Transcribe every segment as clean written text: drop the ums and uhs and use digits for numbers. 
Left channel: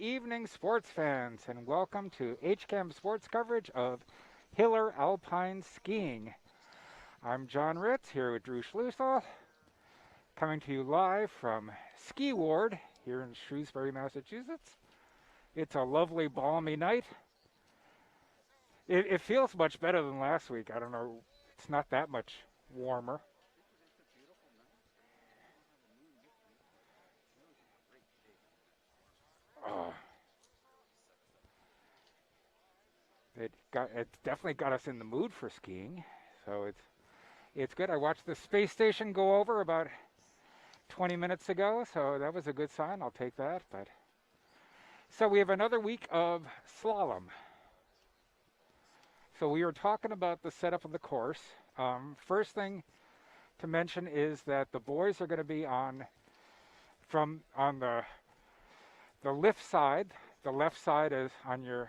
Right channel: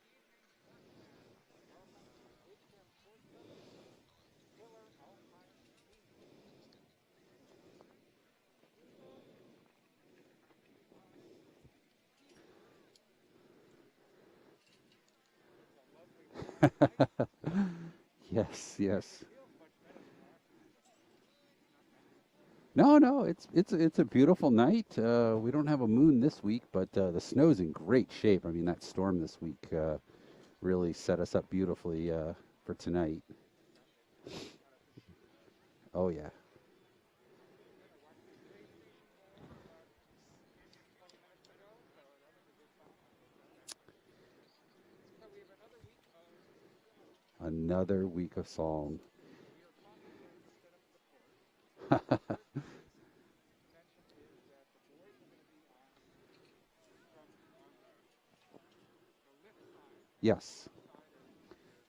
evening, sports fans, and welcome to HCAM sports coverage of Hiller Alpine Skiing. I'm John Ritz here with Drew Schlusel, coming to you live from Ski Ward here in Shrewsbury, Massachusetts. It's a lovely, balmy night. Yes, It yes. feels much better than last week. I don't know, it's not that much No, warmer. no, it's a beautiful night. We don't have a moon this week, but the snow's in great shape. I mean, that storm this week Oh, really set us up beautifully for tonight. it's definitely got us in the mood for skiing. Oh yeah. So it's good. I watched the space station go over about 20 minutes ago, so that was a good sign. I'll take that. But so we have another week of slalom. Another week of song. So we were talking about the setup of the course. First thing to mention is that the boys are going to be on the lift side. The Yes, left side is on your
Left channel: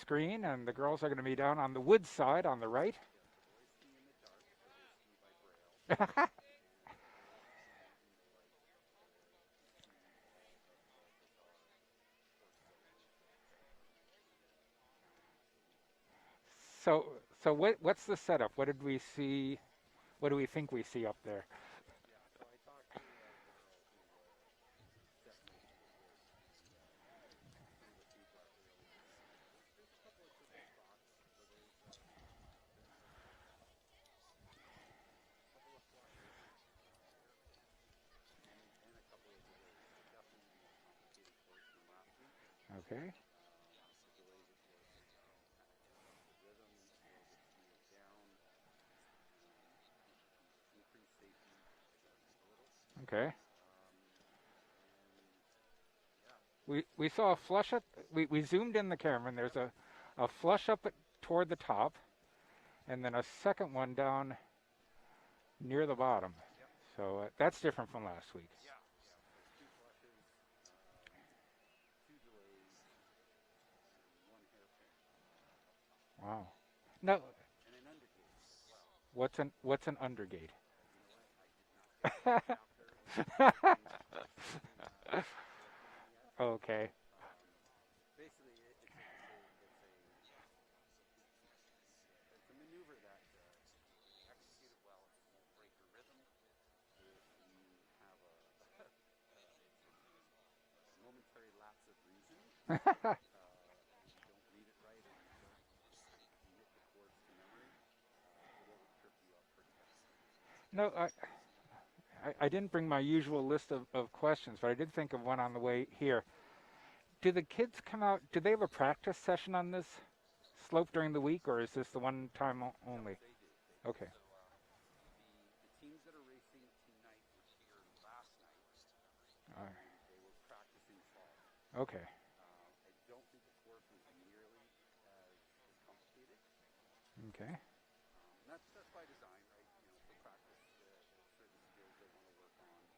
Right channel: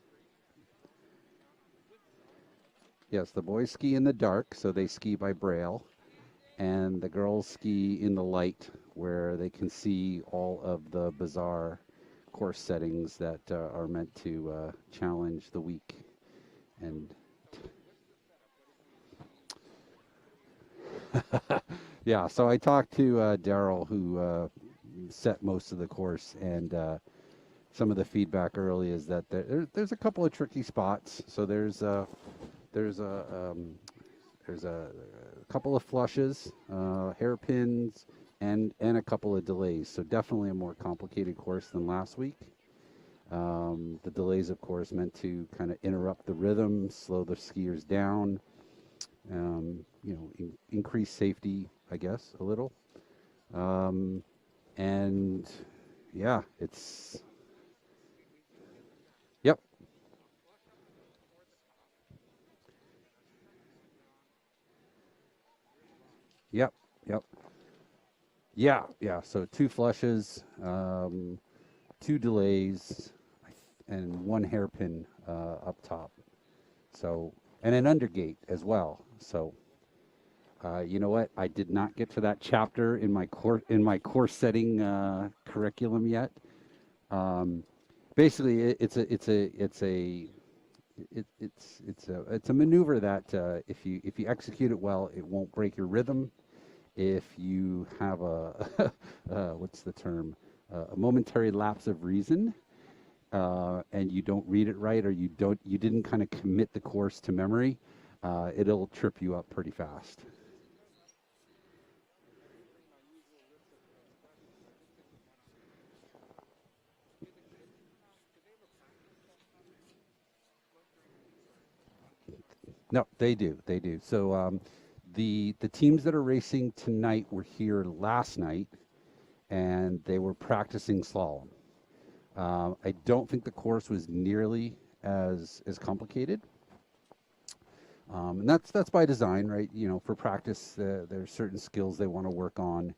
screen, and the girls are going to be down on the wood side on the right. yes. The boys ski in the dark, so they ski by braille, and the girls ski in the light, where they can see all of the bizarre course settings that are meant to challenge the week. So And what's the setup? What did we see? What do we think we see up there? yeah, so I talked to Daryl, who set most of the course, and some of the feedback early is that there's a couple of tricky spots. So there's a there's a couple of flushes, hairpins, and a couple of delays. So definitely a more complicated course than last week. Okay. The delays, of course, meant to kind of interrupt the rhythm, slow the skiers down, increase safety, I guess, a little. Okay. Um, and yeah, We it's saw a flush up. We zoomed in the camera, and there's yep, a flush up toward the top, and then a second one down near the bottom. yep, So yep, that's different from last week. yeah, yeah. So two flushes, two delays, and one hairpin up top. Wow. Now, So and an undergate as well. So what's an undergate? you know what? I did not get to that chapter in my course setting curriculum yet. Okay. Um, basically, it's a maneuver that if you execute it well, it won't break your rhythm. If you have a what's the term, a momentary lapse of reason, and you don't read it right, or you didn't kind of commit the course to memory, it'll trip you up pretty fast. No, I didn't bring my usual list of questions, but I did think of one on the way here. Do the kids come out? Do they have a practice session on this slope during the week, or is this the one time No, only? they do. They do. Okay. So the teams that are racing tonight were here last night, and they were practicing slalom. Okay. I don't think the course was nearly as complicated, Okay. and that's by design, right? You know, for practice, there's certain skills they want to work on,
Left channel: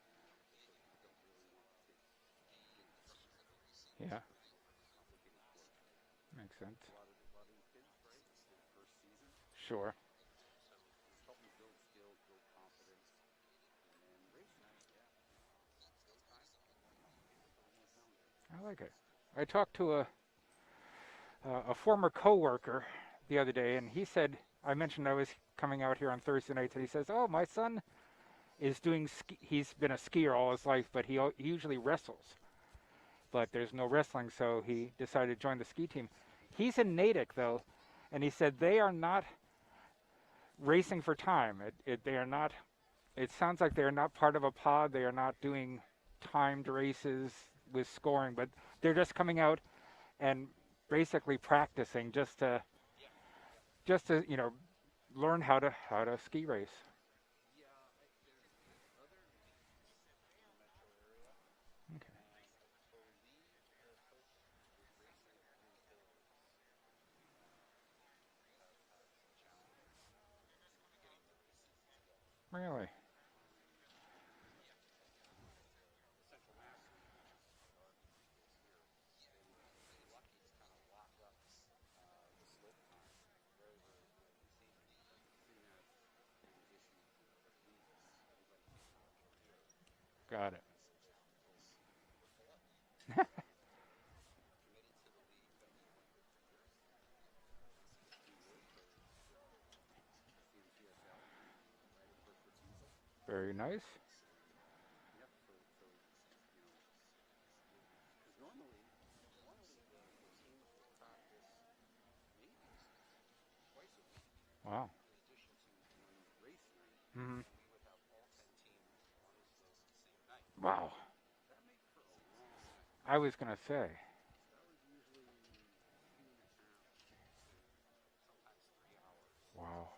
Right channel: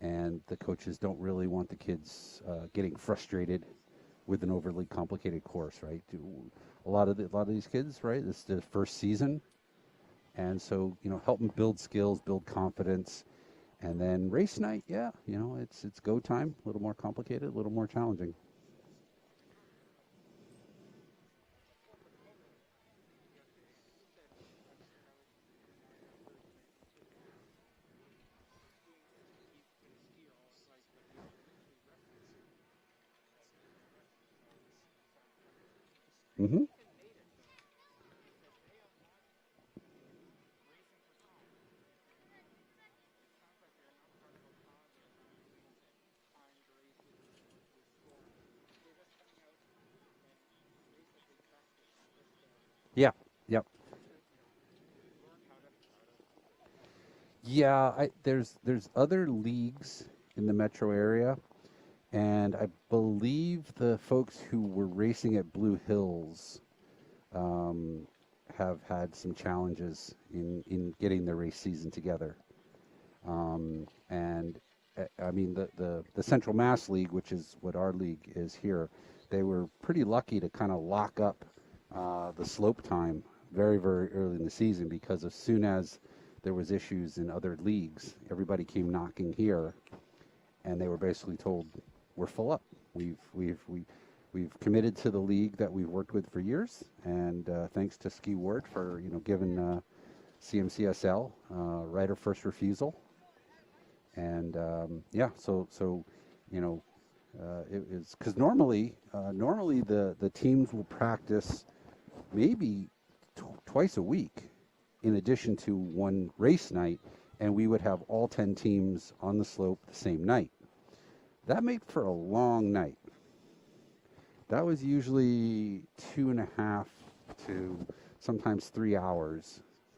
and the coaches don't really want the kids getting frustrated Yeah. with an overly complicated course, right? Makes sense. A lot of these kids, right? This is the first season. Sure. And so, help them build skills, build confidence, and then race night. Yeah, it's go time. A little more complicated, a little more challenging. I like it. I talked to a former coworker the other day, and he said I mentioned I was coming out here on Thursday nights, and he says, "Oh, my son is doing ski. He's been a skier all his life, but he usually wrestles. But there's no wrestling, so he decided to join the ski team. Hmm. He's in Natick though, and he said they are not racing for time. They are not. It sounds like they are not part of a pod. They are not doing timed races with scoring, but they're just coming out and basically practicing Yeah. Yep. just to learn how to ski race. Yeah. There's other leagues in the metro area, and I believe the folks who were racing at Blue Hills um, have had some challenges in getting their race season together. Really? And I mean, the Central Mass League, which is what our league is here, they were pretty lucky to kind of lock up the slope time very, very early in the season, because as soon as there was issues in other leagues, everybody came knocking here, Got it. and they were basically told, we're full up. We've committed to the league that we've worked with for years, and thanks to Ski Ward for giving CMCSL right of first refusal. Very nice. And yeah, so it is because normally the teams will practice maybe twice a week. Wow. In addition to one race night, and we would have all 10 teams on the slope the same night. Wow. That made for a long night. I was going to say. That was usually 2.5 to sometimes 3 hours. Wow.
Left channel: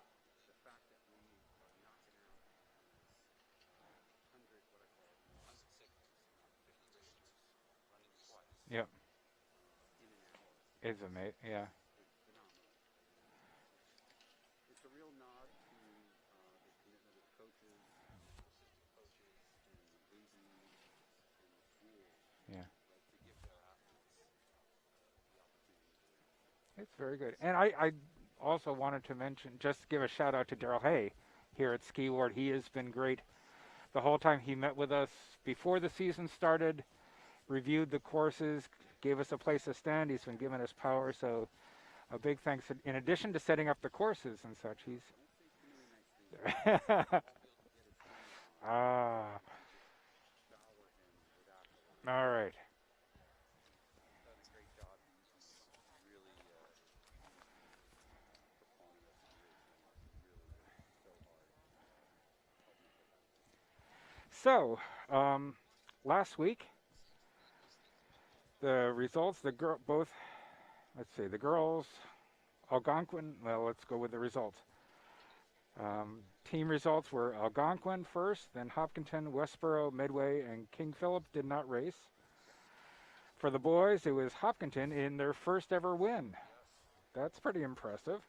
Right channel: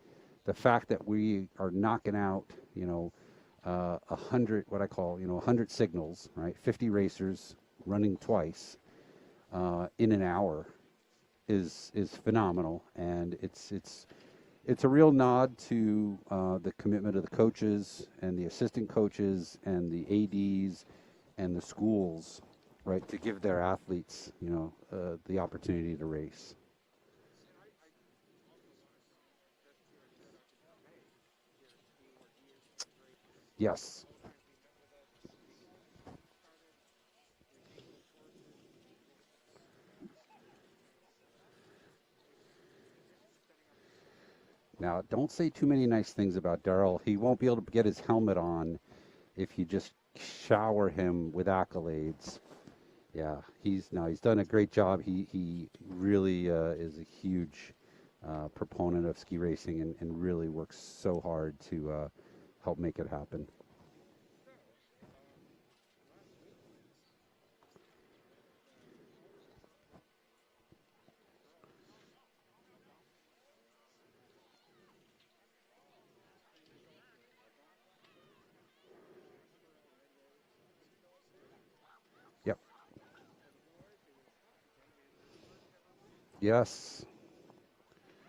The fact that we are knocking out, 100, what I call, 100 signals, right? 50 racers running twice. Yep. In an hour It's amazing. is phenomenal, and it's a real nod to the commitment of the coaches and the assistant coaches and the ADs and the schools, right, to give their athletes, the opportunity to race. It's very good. And I also wanted to mention, just give a shout out to Daryl Hay here at Ski Ward. He has been great. Yes. The whole time he met with us before the season started, reviewed the courses, gave us a place to stand. He's been giving us power, so a big thanks in addition to setting up the courses and such. Now, don't say too many nice things about Daryl. He won't be able to get his helmet on if you just shower him with accolades. All right. Yeah, he's done a great job. He really is a huge proponent of ski racing and really works so hard to help make it happen. So, last week, the results, the girls, Algonquin, well, let's go with the results. Team results were Algonquin first, then Hopkinton, Westboro, Medway, and King Philip did not race. Yep. For the boys, it was Hopkinton in their first ever win. Yes. That's pretty impressive.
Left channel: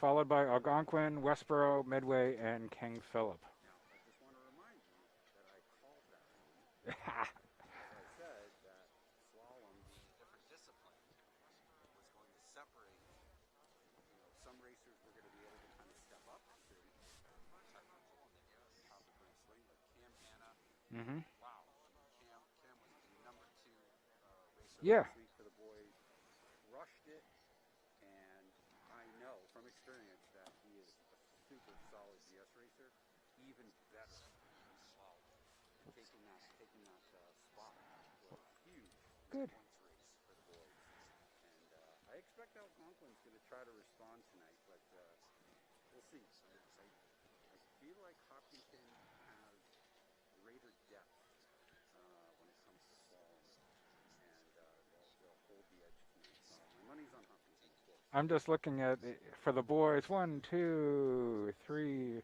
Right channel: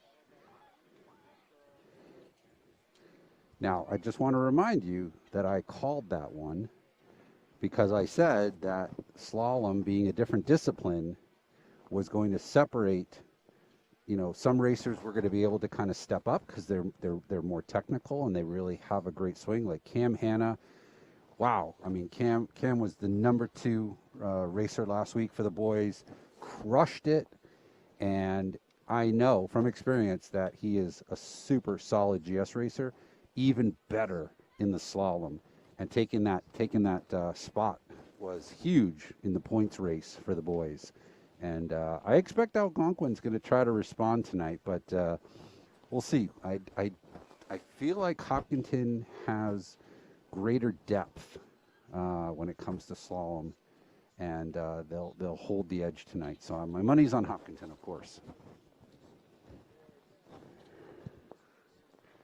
Followed by Algonquin, Westboro, Medway, and King Philip. Now, I just want to remind you that I called that one because I said that slalom, being a different discipline, was going to separate. Some racers were going to be able to kind of step up because they're more technical and they really have a great swing. Like Cam Hanna, wow! I mean, Cam was the number 2 racer last week for the boys, crushed it, and I know from experience that he is a super solid GS racer, even better in the slalom. And taking that spot was huge in the points race for the boys. And I expect Algonquin's going to try to respond tonight, but we'll see. I feel like Hopkinton has greater depth when it comes to slalom, and they'll hold the edge tonight. So my money's on Hopkinton, of course. I'm just looking at for the boys. 1, 2, 3,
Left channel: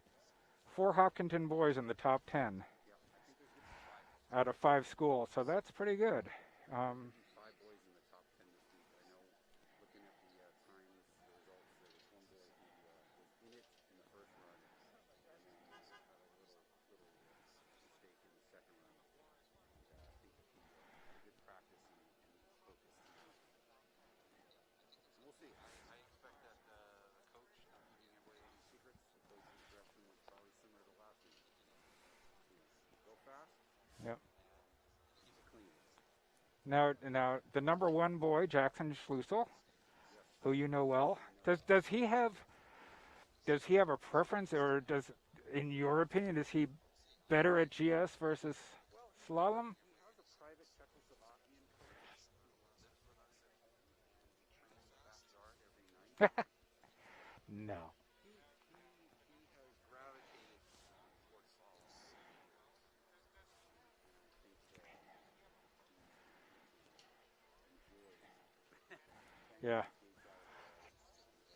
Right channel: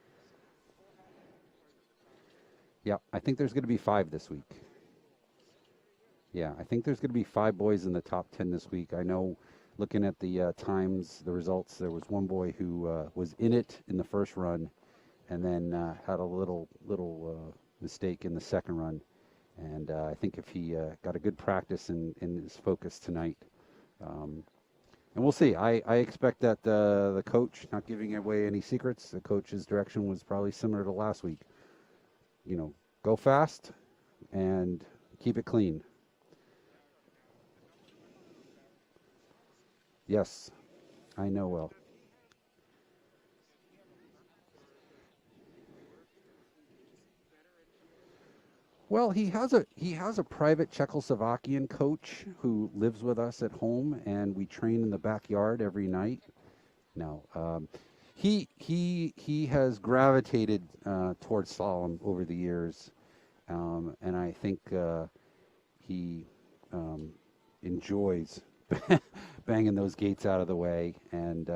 4 Hopkinton boys in the top 10. Yeah, I think there's going to be 5 this week. Out of 5 schools, so that's pretty good. Yeah, I think there's going to be 5 boys in the top 10 this week. I know, looking at the times, the results, there was one boy who was in it in the first run, and then had a little mistake in the second run. And I think if he got a good practice and is focused tonight, and we'll see. I expect that the coach, not giving away any secrets, the coach's direction was probably similar to last week. Go fast and keep it clean. Now, the number 1 boy, Jackson Schlusel. Yes. Who you know well. I know well. Does he have a preference, or in your opinion, is he better at GS versus? Well, he slalom? has a private Czechoslovakian coach who lives with us at home, and we train in the backyard every night. No. He has gravitated towards slalom over the years, and I think he enjoys banging those gates out of the way, and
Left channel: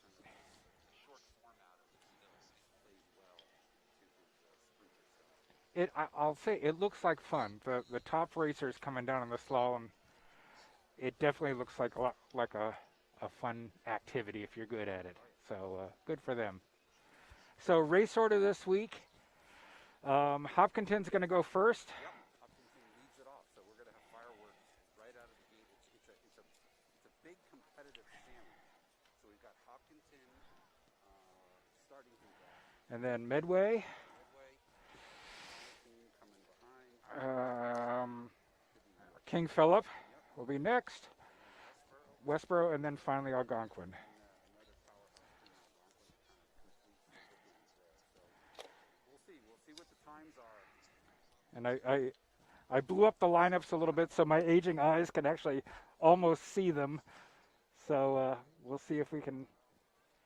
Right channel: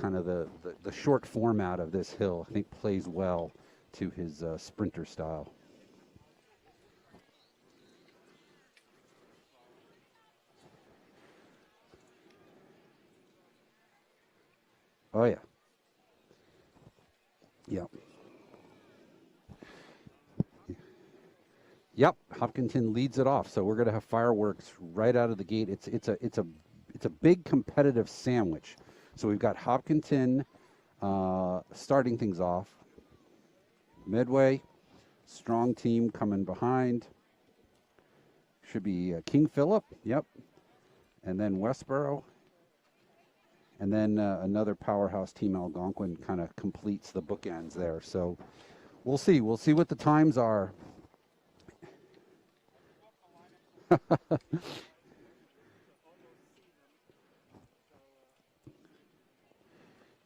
kind of the short format of this hill, I think, plays well to his sprinter style. I'll say it looks like fun. The top racers coming down on the slalom, it definitely looks like a fun activity if you're good at it. Oh, yeah. So good for them. So race order this week. Hopkinton's going to go first. Yep, Hopkinton leads it off. So we're going to have fireworks right out of the gate. It's a big competitive sandwich. So we've got Hopkinton starting things off. And then Medway. Medway, strong team coming behind. should be King Philip. Yep. Will be next. And then Westboro. Westboro, and then finally Algonquin. And then another powerhouse team, Algonquin, kind of completes the bookends there. So we'll see. We'll see what the times are. And I blew up the lineups a little bit so my aging eyes can actually almost see them. So we'll see if we can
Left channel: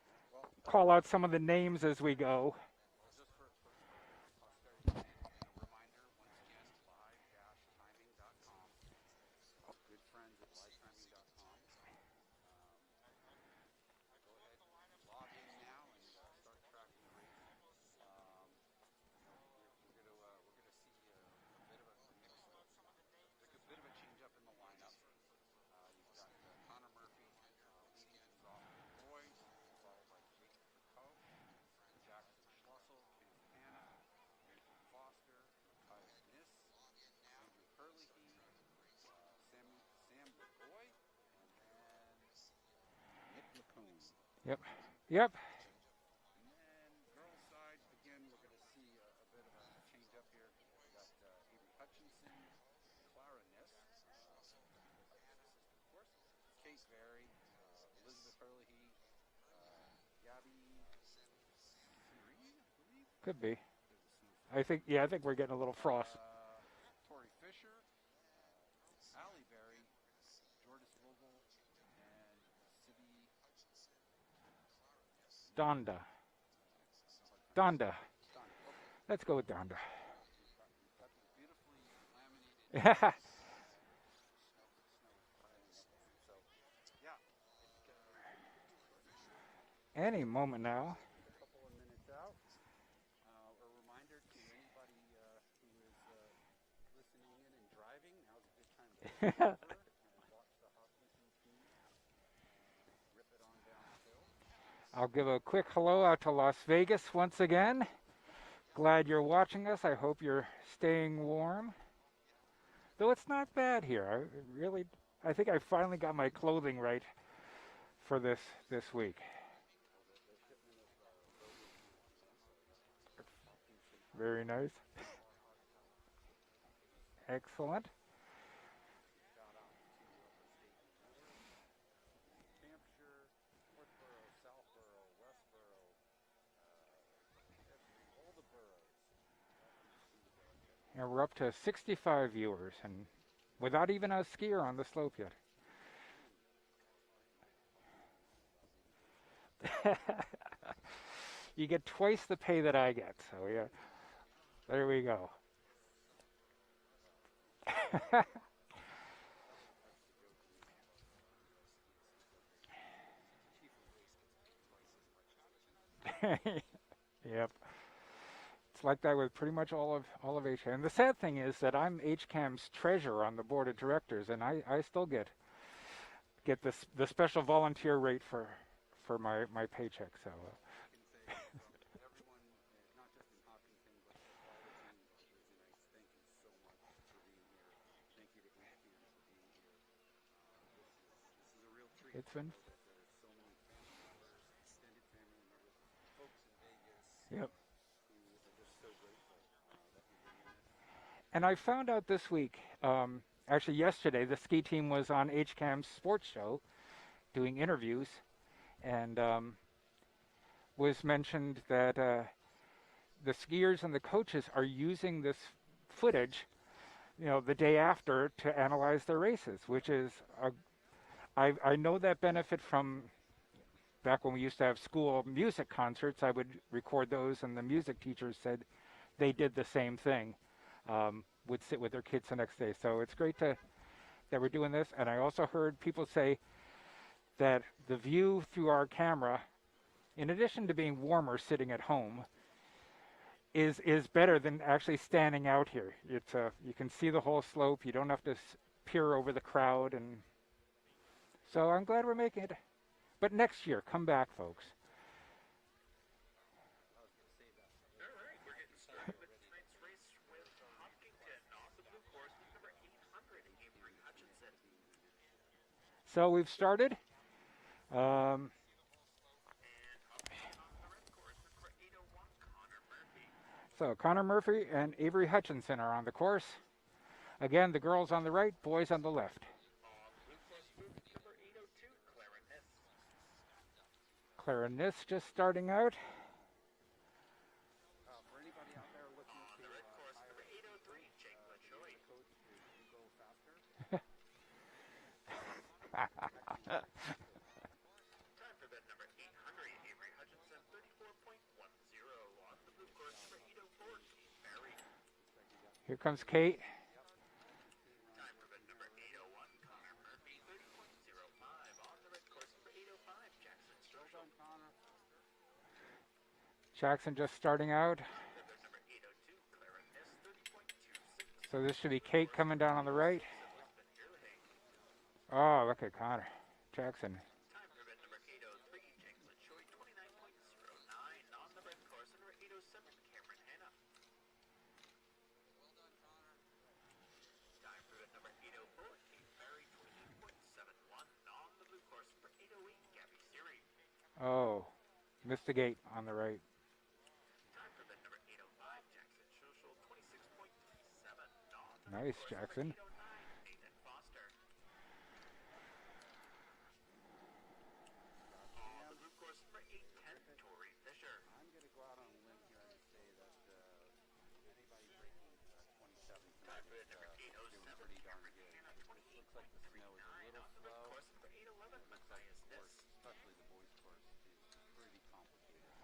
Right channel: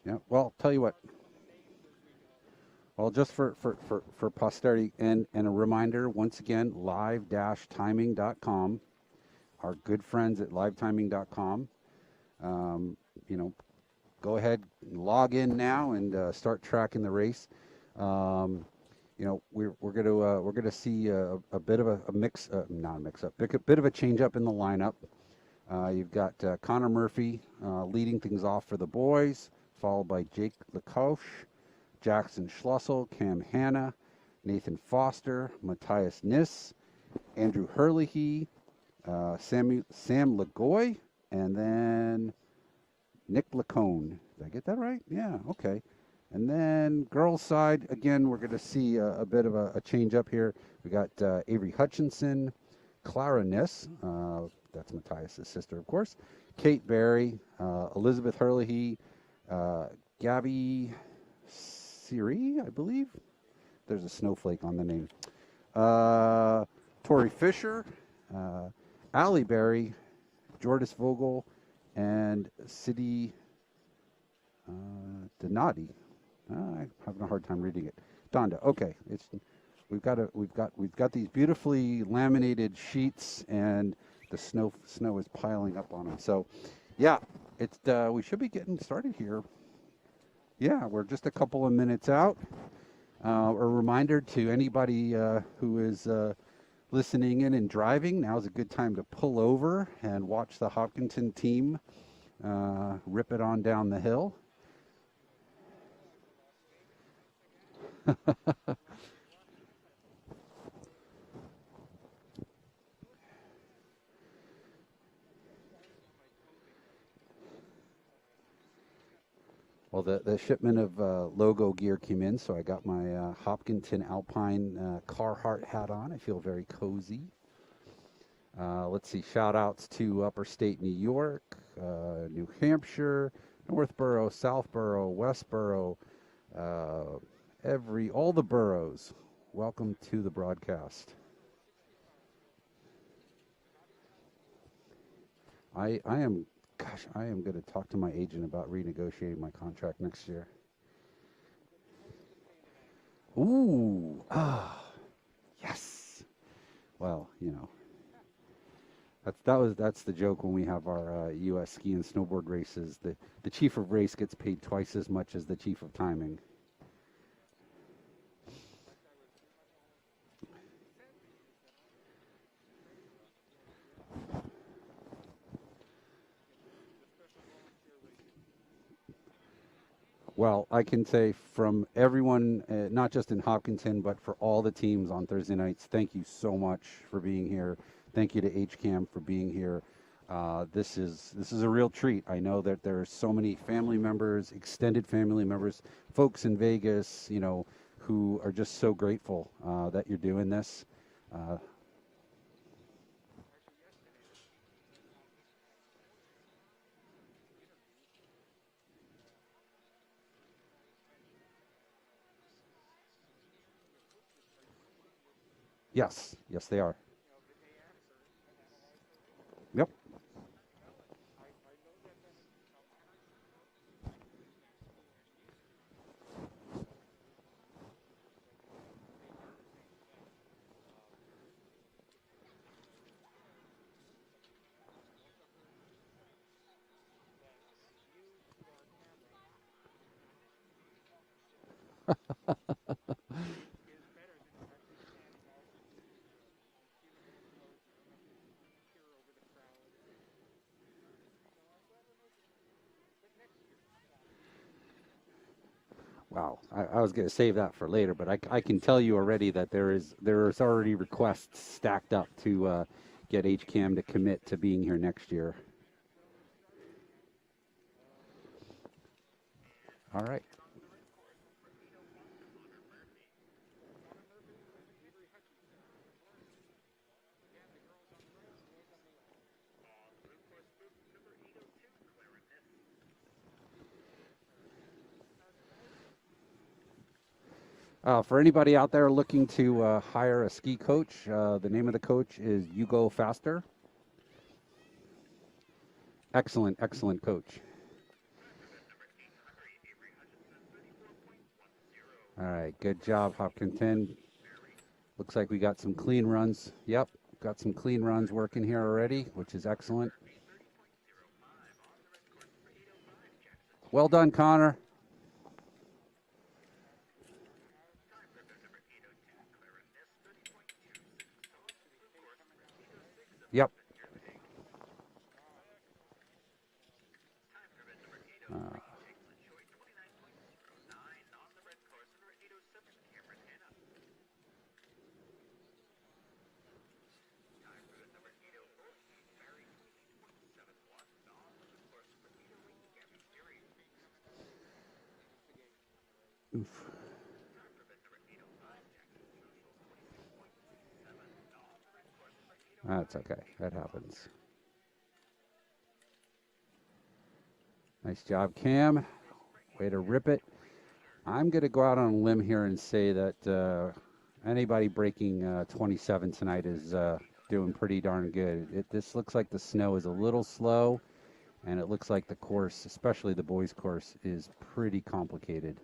Yeah. Well, tell you call what. out some of the names as we go. Well, just for posterity and a reminder, once again, live-timing.com. Our good friends at livetiming.com. You know, go ahead, log in now, and start tracking the race. You know, we're gonna see a bit of a mix, not a mix up, a bit of a change up in the lineup. You've got Connor Murphy leading things off for the boys, followed by Jake Lacoche, Jackson Schlussel, Cam Hanna, Nathan Foster, Matthias Niss, Andrew Herlihy, Sam Lagoy, and then Nick Lacone. Did I get that right? Yep. Yeah, okay. And then girls' side, again, we're going to see a bit of a change up here. We got Avery Hutchinson, Clara Niss, that's Matthias' sister, of course, Kate Barry, Elizabeth Herlihy, Gabby Siri, I believe. Could be. There's a snowflake on the name. Yeah, I think we're getting a little frost. Tori Fisher, Allie Berry, Jordis Vogel, and Sidi Donati. I'm having a hard time reading it. Donda. Okay. Let's go with Donda. We've got these beautifully laminated sheets, and the snow is piling up on them. So, yeah, we should be getting started here. Any moment. Yeah, now. we're just a couple of minutes out. A reminder to anybody who is listening in and driving, now's a good time to pull over and watch the Hopkinton team rip it on down the hill. I'll give a quick hello out to Las Vegas once again. Glad you're watching us. I hope you're staying warm. Though it's not bad here. I think I finally got my clothing right for this week. Well, the shipment of logo gear came in, so I got my Hopkinton Alpine Carhartt hat on. I feel very cozy. Excellent. Let's see, shout-outs to Upper State New York, New Hampshire, Northborough, Southborough, Westborough, all the boroughs. Welcome to the broadcast. And we're up to 65 viewers, and without even a skier on the slope yet. I am going to talk to my agent about renegotiating my contract next year. You get twice the pay that I get. So Ooh. yeah. There we go. Yes. Well, you know. That's the joke when we have our U.S. ski and snowboard races. The chief of race gets paid twice as much as the chief of timing. Yep. It's like that with pretty much all of HCAM. And the sad thing is that I'm HCAM's treasurer on the board of directors, and I still get the special volunteer rate for my paycheck. So. Well, I can say from everyone, not just in Hopkinton, but for all the teams on Thursday nights, thank you so much for being here. Thank you to HCAM for being here. This is a real treat. I know that there are so many family members, extended family members, folks in Vegas, you know, who are just so grateful that you're doing this. And I found out this week, actually yesterday, the ski team was on HCAM's sports show doing interviews, and was mentioned that the skiers and the coaches are using this footage. Yes, they are. You know, the day after to analyze their races, which is, I know that benefit from back when we used to have school music concerts. I would record those, and the music teachers said they did the same thing, would sit with their kids the next day. So it's great that we're doing this. And I also heard people say that the view through our camera, in addition to being warmer sitting at home, is better than actually standing out here. It's you can see the whole slope. You don't have to peer over the crowd, and so I'm glad we're making it. But next year, come back, folks. Wow, I was going to save that for later, but I can tell you already that there is already requests stacked up to get HCAM to commit to being here next year. So we've started. All right. So Connor Murphy and Avery Hutchinson are on the course. Again, the girls on the right, boys on the left. Clarinet just starting out. For anybody out there looking to hire a ski coach, the name of the coach is You Go Faster. Excellent, excellent coach. All right, good job, Hopkinton. Looks like we got some Here comes clean Kate. runs. Yep, got some clean runs working here already, which is excellent. Well done, Connor. Jackson just starting out. So this should be Kate coming down on the right. Yep. Oh, look at Connor. Jackson. Oh, missed the gate on the right. Oof. Nice, Jackson. That's okay. That happens. Nice job, Cam. Way to rip it. I'm going to go out on a limb here and say that anybody breaking 27 tonight is doing pretty darn good. This looks like the snow is a little slow, and it looks like the course, especially the boys' course, is pretty complicated.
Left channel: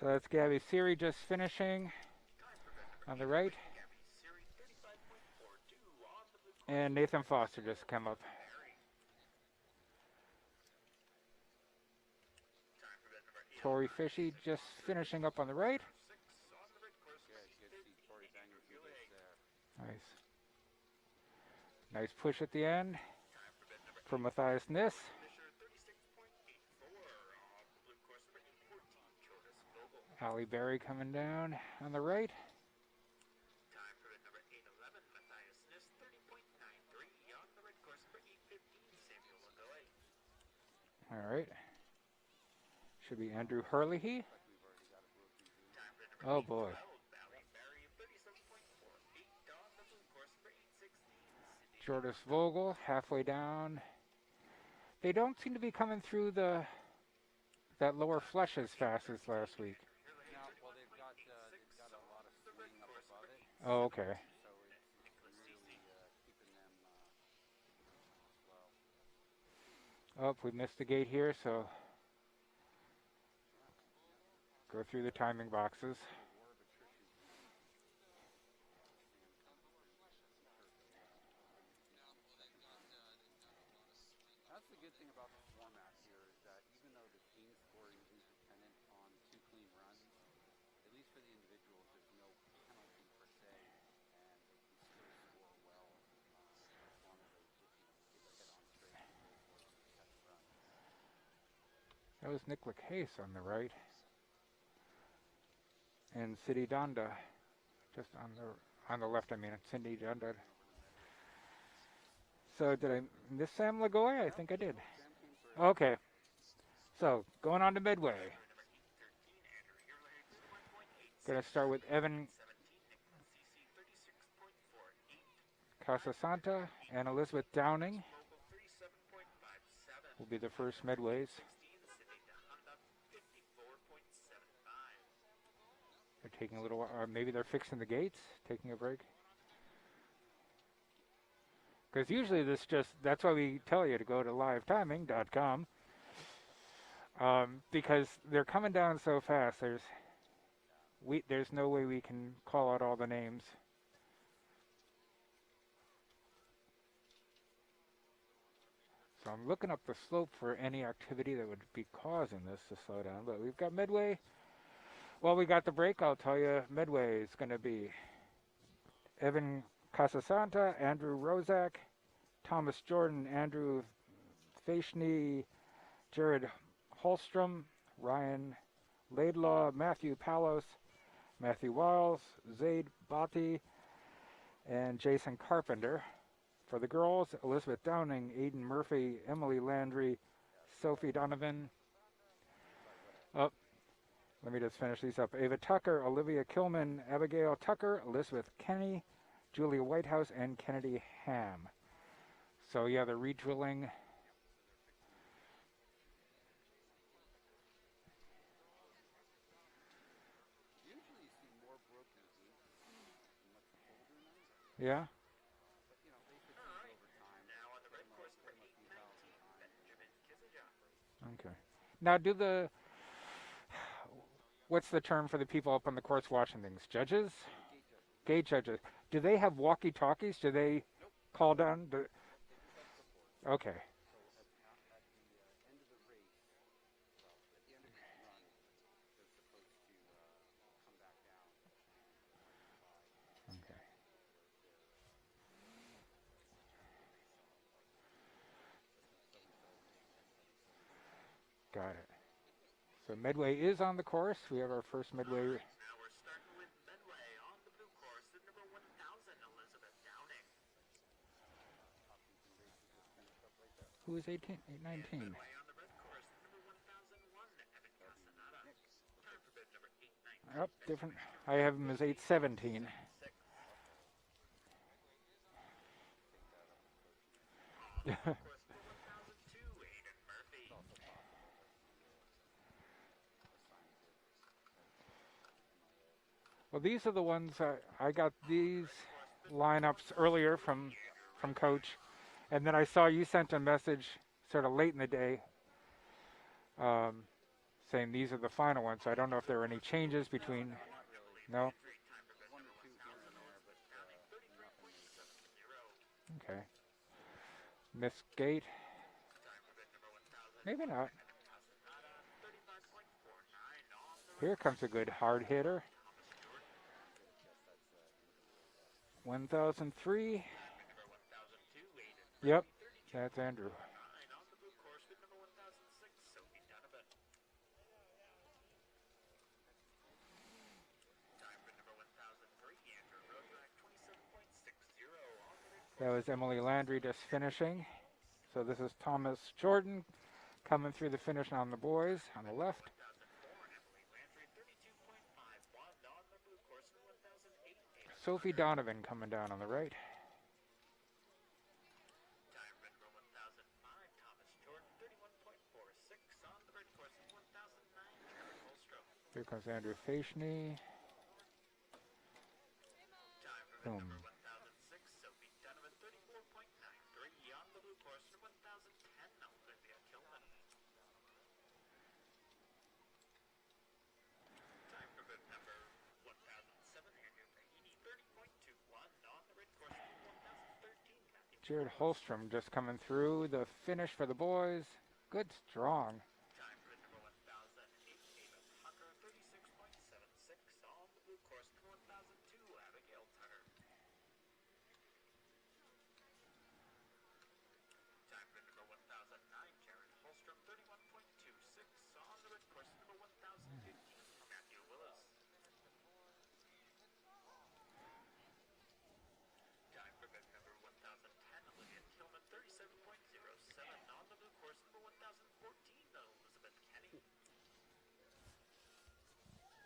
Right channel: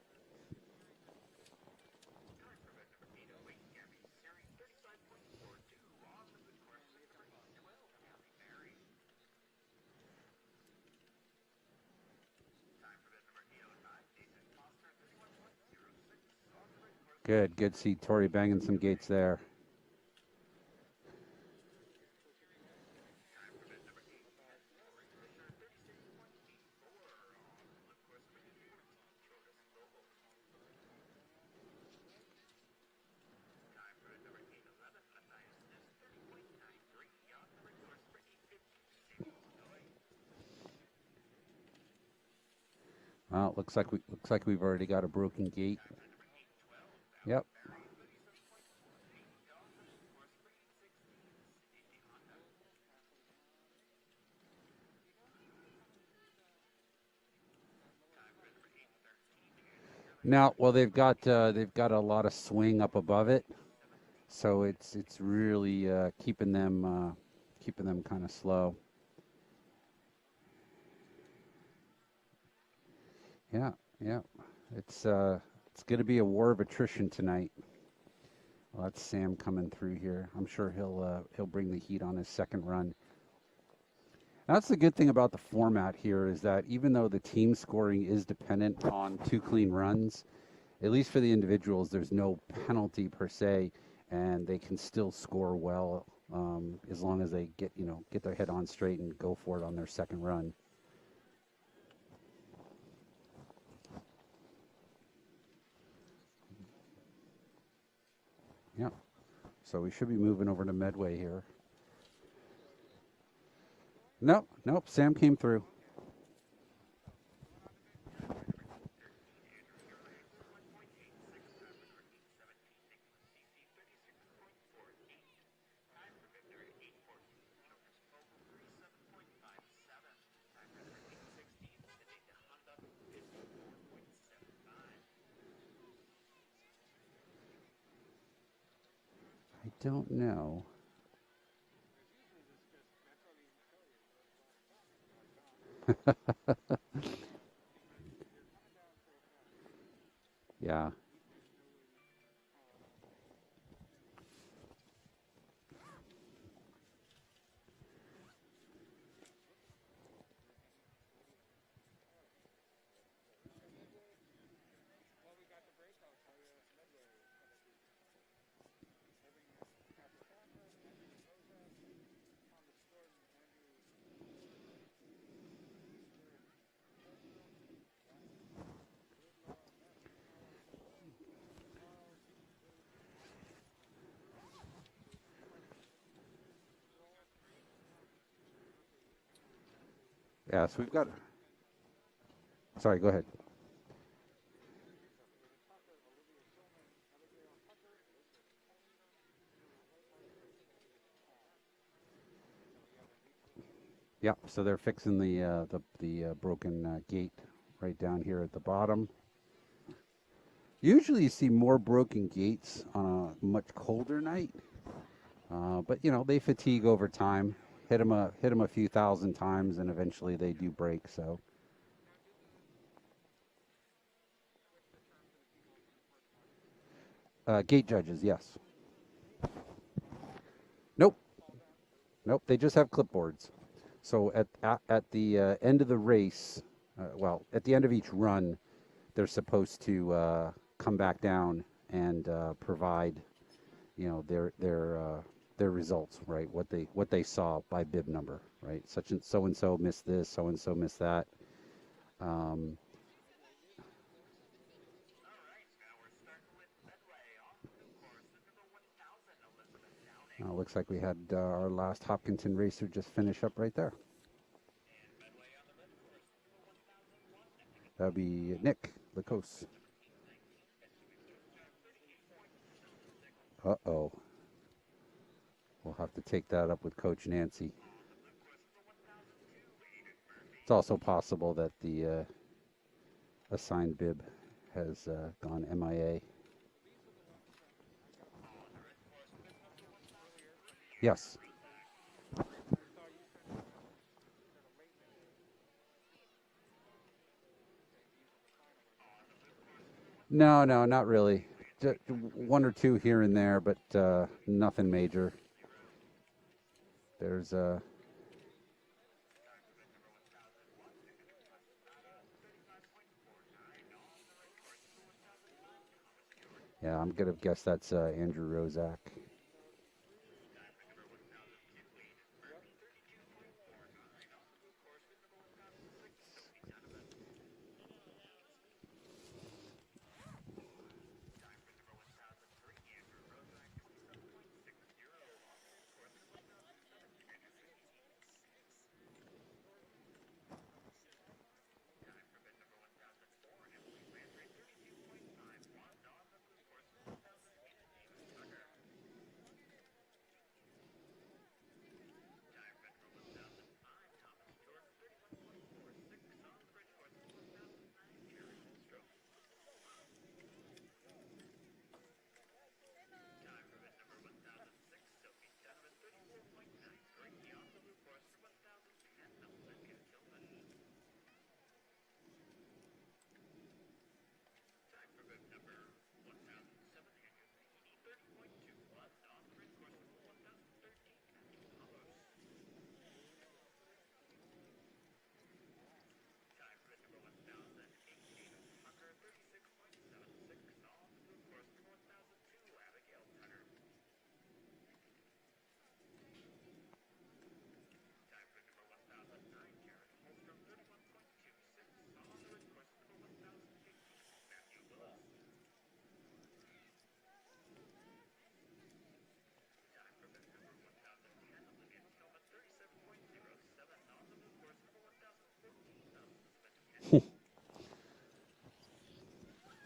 So that's Gabby Siri just finishing on the right. And Nathan Foster just come up. Tori Fishy just finishing up on the right. Good to see Tori banging some gates there. Nice push at the end for Matthias Niss. Holly Berry coming down on the right. All right. Should be Well, Andrew looks Carlehy. like we've already got a broken gate. Oh boy. Yep. Jordis Vogel halfway down. They don't seem to be coming through that lower flush as fast as last week. Now, well, they've got a lot of swing up above it. Oh, okay. So it's really keeping them kind of slow. Oh, we missed the gate here, so Yeah. go through the timing boxes. It's going to be a war of attrition tonight. Well, that's Sam coming through here. I'm sure he'll bring the heat on his second run. That's the good thing about the format here is that even though the team scoring is dependent on 2 clean runs, at least for the individuals, there's no penalty per se, and they can still score well as long as they get their head on straight and go for it on their second run. That was Nick Case on the right. And City Donda just on the left, I mean. So we Cindy should be Donda. moving over to Medway here. So did I miss Sam Lagoy? I Nope, think I did. nope, Sam came through. Okay. So going on to Midway. Going to start with Evan Casasanta and Elizabeth Downing will be the first Midways. They're taking a little while, or maybe they're fixing the gates, taking a break. I don't know. Because usually that's why we tell you to go to livetiming.com. Because they're coming down so fast, there's no way we can call out all the names. So I'm looking up the slope for any activity that would be causing this to slow down. But we've got Midway. Well, we got the break. I'll tell you, Midway is going to be Evan Casasanta, Andrew Rozak, Thomas Jordan, Andrew Faishny, Jared Holstrom, Ryan Laidlaw, Matthew Palos, Matthew Wiles, Zaid Bati, and Jason Carpenter. For the girls, Elizabeth Downing, Aiden Murphy, Emily Landry, Sophie Donovan. Sorry, go ahead. Oh, let me just finish these up. Ava Tucker, Olivia Kilman, Abigail Tucker, Elizabeth Kenny, Julia Whitehouse, and Kennedy Ham. So yeah, they're redrilling. Yep. So they're fixing the broken gate right down here at the bottom. Usually, you see more broken gates on a much colder night. Yeah. But they fatigue over time. Hit them a few thousand times, and eventually they do break. So Okay. Now, what's the term for the people up on the course watching things? Judges? gate judges, yes. Gate judges. Do they have walkie-talkies? Do they Nope. call down? Nope. They just have clipboards. Okay. So at the end of the race, at the end of each run, they're supposed to come back down and provide, their results, right? What they saw by bib number, right? Such and so missed this, so and so missed that. Got it. So Medway is on the course. We have our first Medway. Looks like we had our last Hopkinton racer just finish up right there. Who is 18? 19? That'd be Nick Lacoste. Oh, different. I have him as 817. Uh-oh. We'll have to take that up with Coach Nancy. It's also possible that the assigned bib has gone MIA. Well, these are the ones I got these lineups earlier from Coach, and then I saw you sent a message sort of late in the day saying these are the final ones. So I don't know if there are any changes. No, not really. No? Just one or two here and there, but nothing major. Okay. There's Miss Gate. Maybe not. Here comes a good hard hitter. Yeah, I'm going to guess that's Andrew Rozak. 1003. Yep, that's Andrew. That was Emily Landry just finishing. So this is Thomas Jordan coming through the finish on the boys on the left. Sophie Donovan coming down on the right. Here comes Andrew Faishney. Boom. Jared Holstrom just coming through the finish for the boys. Good, strong.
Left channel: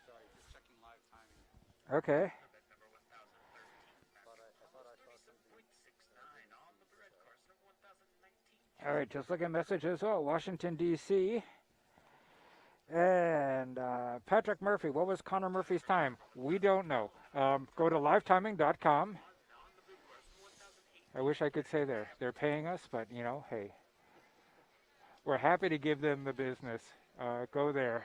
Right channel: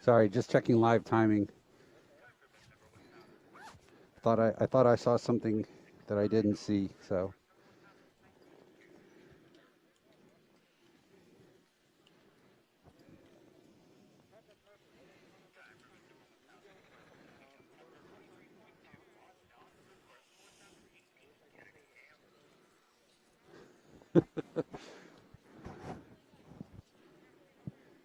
Sorry, just checking live timing. Okay. I thought I saw something that I didn't see. So. All right, just looking at messages. Oh, Washington D.C. And Patrick Murphy. What was Connor Murphy's time? We don't know. Go to livetiming.com. I wish I could say they're paying us, but hey, we're happy to give them the business. Go there.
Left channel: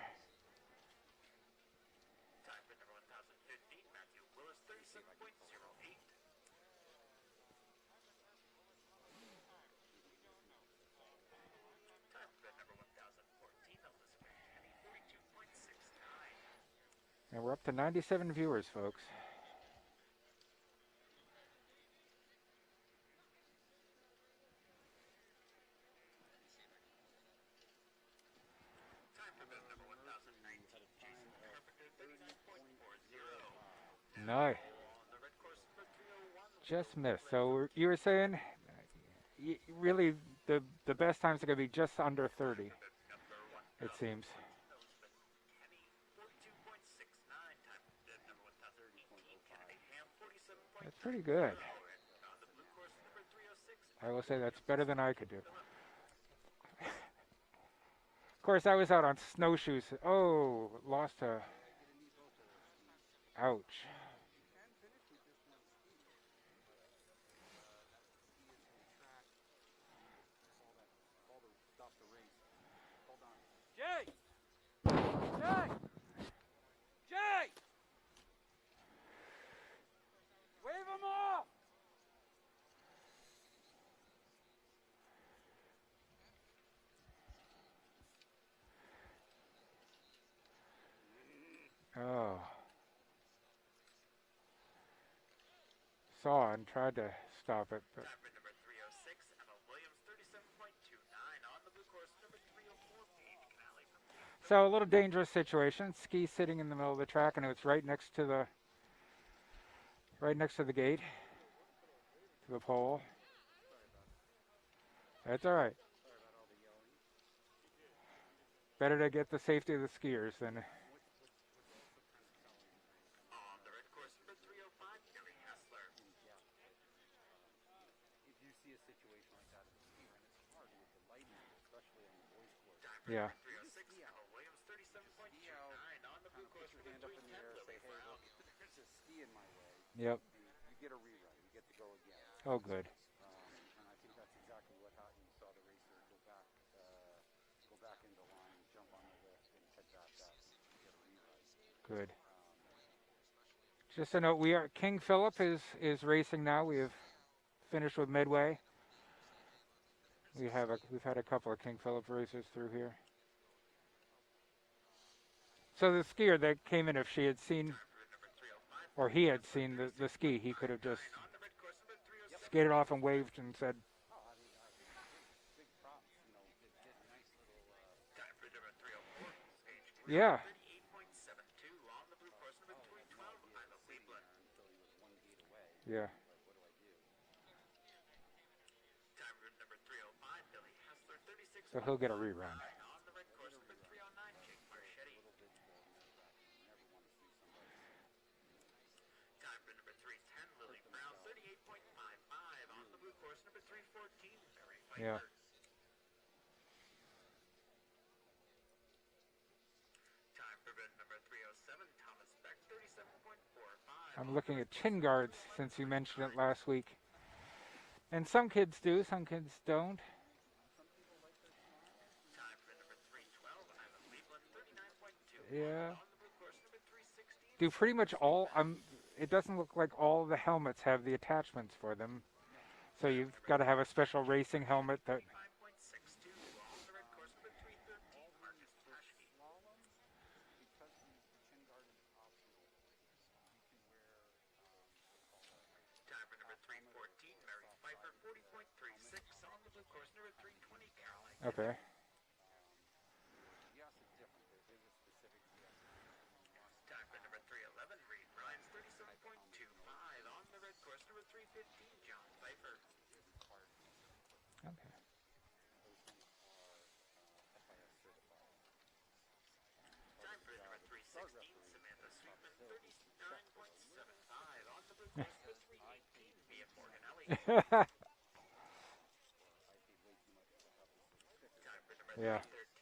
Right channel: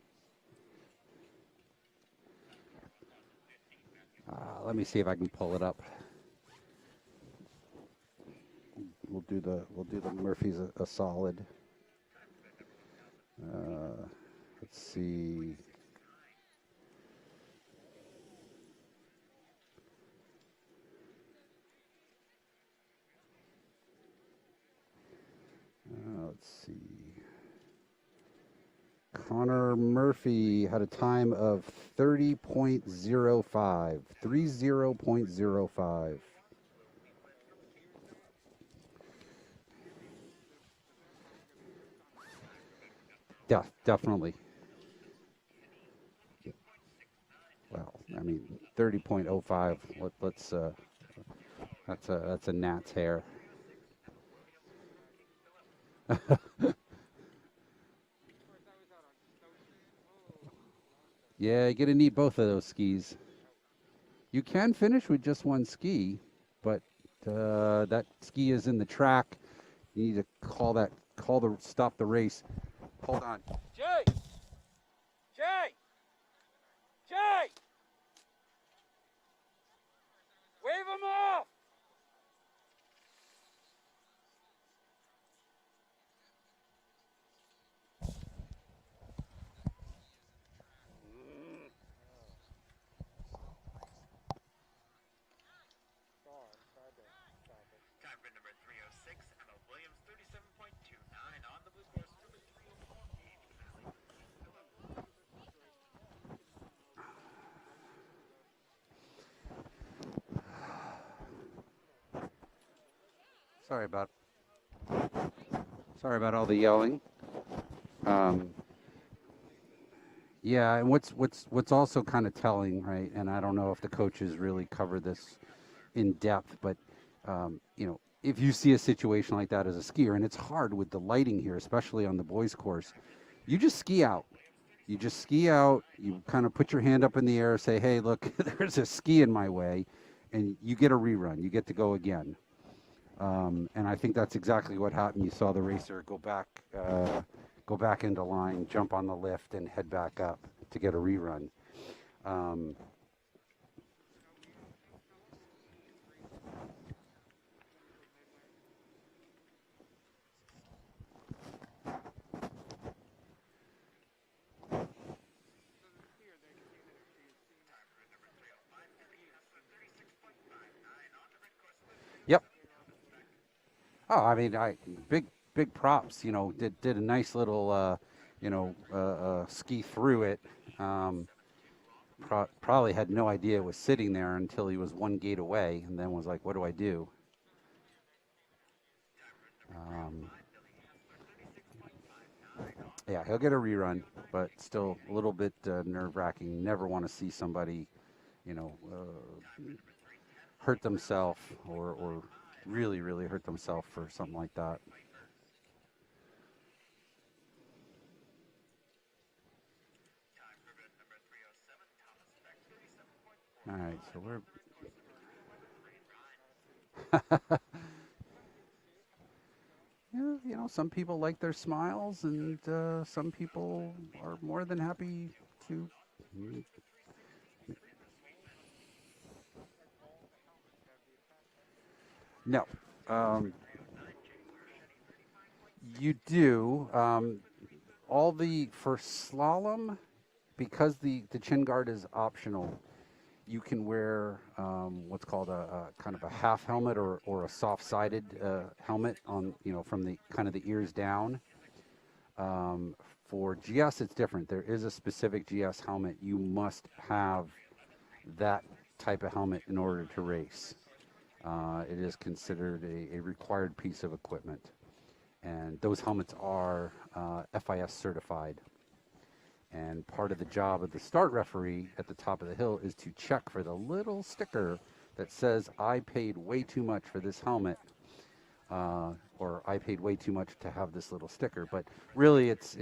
Let me see if I can pull it up. We'll do the Murphys a solid. Let's see. And we're up to 97 viewers, folks. Let's see. Connor Murphy had a time of 30.05. Nice. 30.05. Just missed. So you were saying, really, the best times are going to be just under 30. Yeah, definitely. Well, I mean, 30.05. Let's pretty good. That's a gnat's hair. I will say that's better than I could do. Of course, I was out on snowshoes. Oh, lost a. Yeah, you're gonna need both of those skis. Ouch. You can finish with just one ski, but that ski is in the track. You need to stop the race. Hold on. Jay! Jay! Jay! Wave them off! Oh. Saw and tried to stop it, but. So a little dangerous situation. Ski sitting in the middle of the track, and it was right next to the gate, the pole. Sorry about That's all right. all the yelling. Better to get the safety of the skiers. Than Yeah, and what's also kind of telling, right? And I don't know if the coaches really cover this in depth, but if you see a situation like that as a skier, and it's hard with the lighting here, especially on the boys' course, Yeah. you just ski out. You just ski out. You kind of put your hand up in the air, say, "Hey, look, there's a ski in my way," Yep. and you get a rerun. You get to go again. Oh, good. And I think that's exactly what happened. You saw the racer go back into line, jump on the lift, and head back up to get a rerun. Good. Just a note: King Philip is racing now. We have finished with Midway. We've had a couple of King Philip races through here. So the skier that came in, if she had seen, or he had seen the ski, he could have just skated off and waved and said, "Oh, I mean, big props. Did a nice little, ski through it. Probably had no idea it was sitting there until he was one gate away, and then was like, "What do I do?" So he'll get a rerun, right? Yeah, he'll get a rerun, but still a little bit nerve-wracking. Never want to see somebody, hurt themselves or really, really hurt themselves for something like that. Yeah. All right, so I'm looking at chin guards since you mentioned it last week. And some kids do, some kids don't. Yeah, some people like their smiles, and some people are more than happy. Yeah. Do pretty much all. It doesn't look like all the helmets have the attachments for them. No. So you've got to have a special racing helmet that. You do. For slalom, because the chin guard is optional, you can wear what's called a kind of a half helmet or a soft-sided helmet on from the kind of the ears down. Okay. For GS, it's different. There is a specific GS helmet. You must have that type of helmet in order to race. It is considered a required piece of equipment, and those helmets are FIS certified. And part of the job of the start referee at the top of the hill is to check for the little sticker that says, "I paid way too much for this helmet," or "I paid way too much to have this little sticker." But really, it's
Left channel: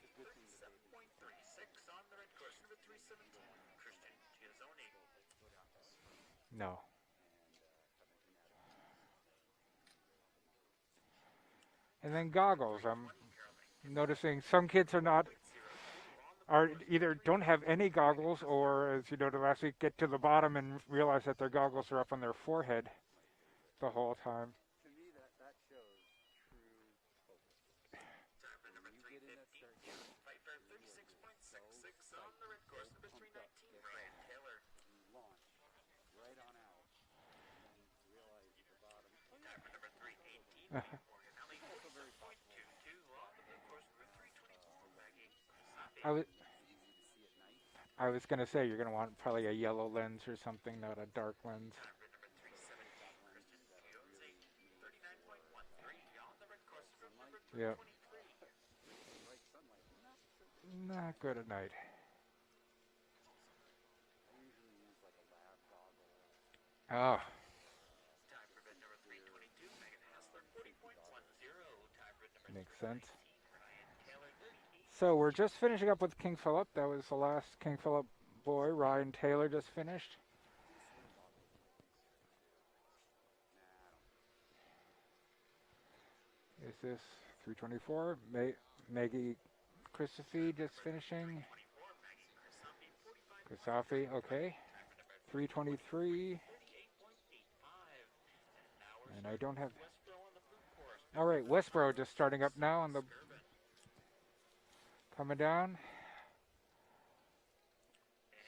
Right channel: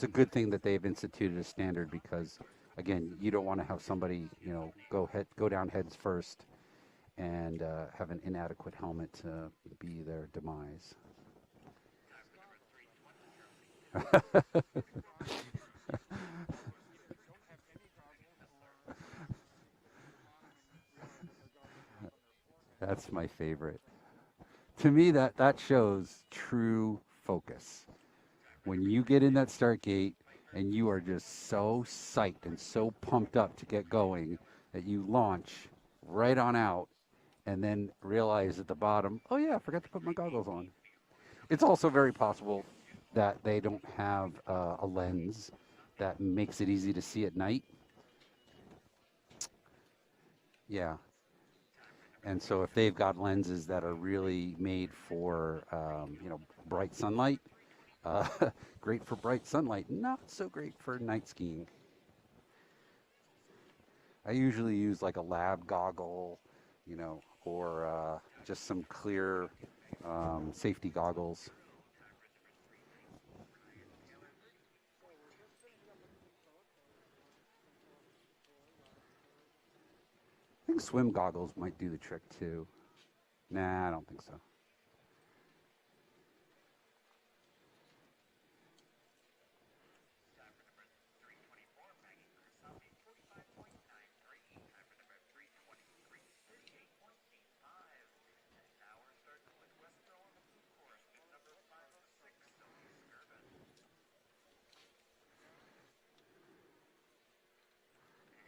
a good thing that they've instituted a standard, because, again, you don't want to have somebody go down heads first. No. And have an inadequate helmet be their demise. And then goggles. I'm noticing some kids are either don't have any goggles, or, as you noted last week, get to the bottom and realize that their goggles are up on their forehead. That's my favorite. The whole time. To me, that shows true focus. When you get in that start gate and you are just so psyched and so pumped up to get going that you launch right on out, and then realize at the bottom, "Oh yeah, I forgot to put my goggles on." It's also very possible that they don't have a lens that makes it easy to see at night. I was going to say, you're going to want probably a yellow lens or something, not a dark lens. And so if they've got lenses that are really made for, bright sunlight, great for bright sunlight, not so great for night skiing. I usually use like a lab goggle, Oh, or just some clear safety goggles. makes sense. So we're just finishing up with King Philip. That was the last King Philip boy. Ryan Taylor just finished. I think swim goggles might do the trick too. Nah, I don't think so. Is this 324? Maggie Christophe just finishing. Christophe, okay. 323. And I don't have. All right, Westboro just starting up now on the coming down.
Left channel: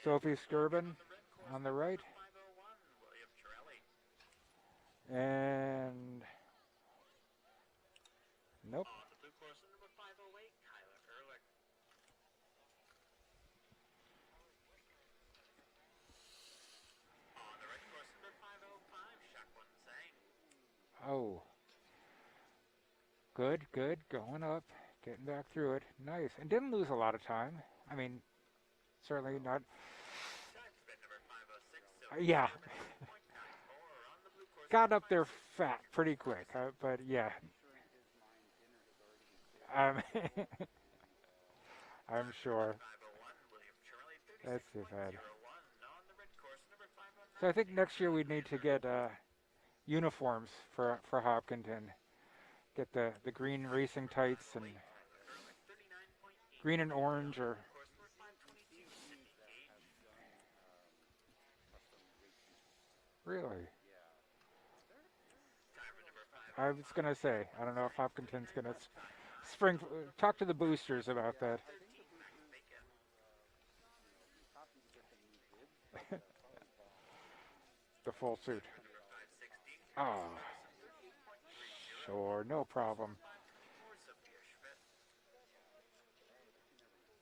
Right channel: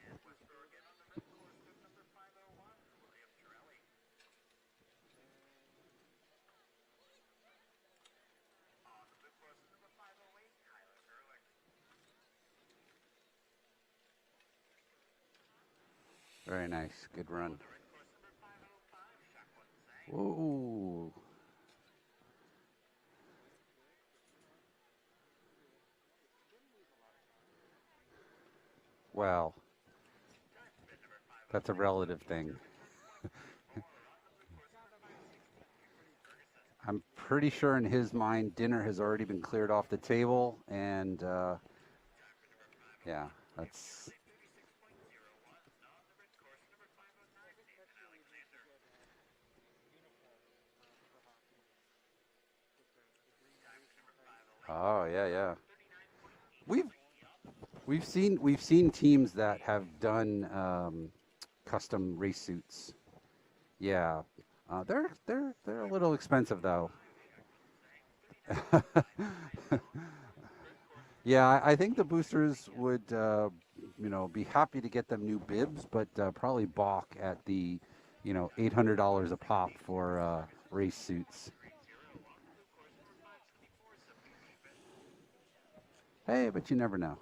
Sophie Skirben on the right. And nope. Very nice. Good run. Whoa. Oh, good, good. Going up, getting back through it. Nice. And didn't lose a lot of time. I mean, certainly Well, not. that's a relative Yeah. thing. Got up there fat pretty quick. But I'm yeah. pretty sure in his mind, dinner has already been cleared off the table, and I'm sure. yeah, that's Too bad. So I think next year we need to get uniforms for Hopkinton. Get the green racing tights and oh yeah. green We- and orange, or We've seen teams that have done custom race suits. really. Yeah, they're a little expensive I though. was gonna say, I don't know if Hopkinton's gonna spring. Talk to the boosters about Yeah, that. I think the boosters would be happy to get them new bibs, but probably balk at the The full suit. $800 a pop for race suits. Sure, no problem. Hey, but you never know.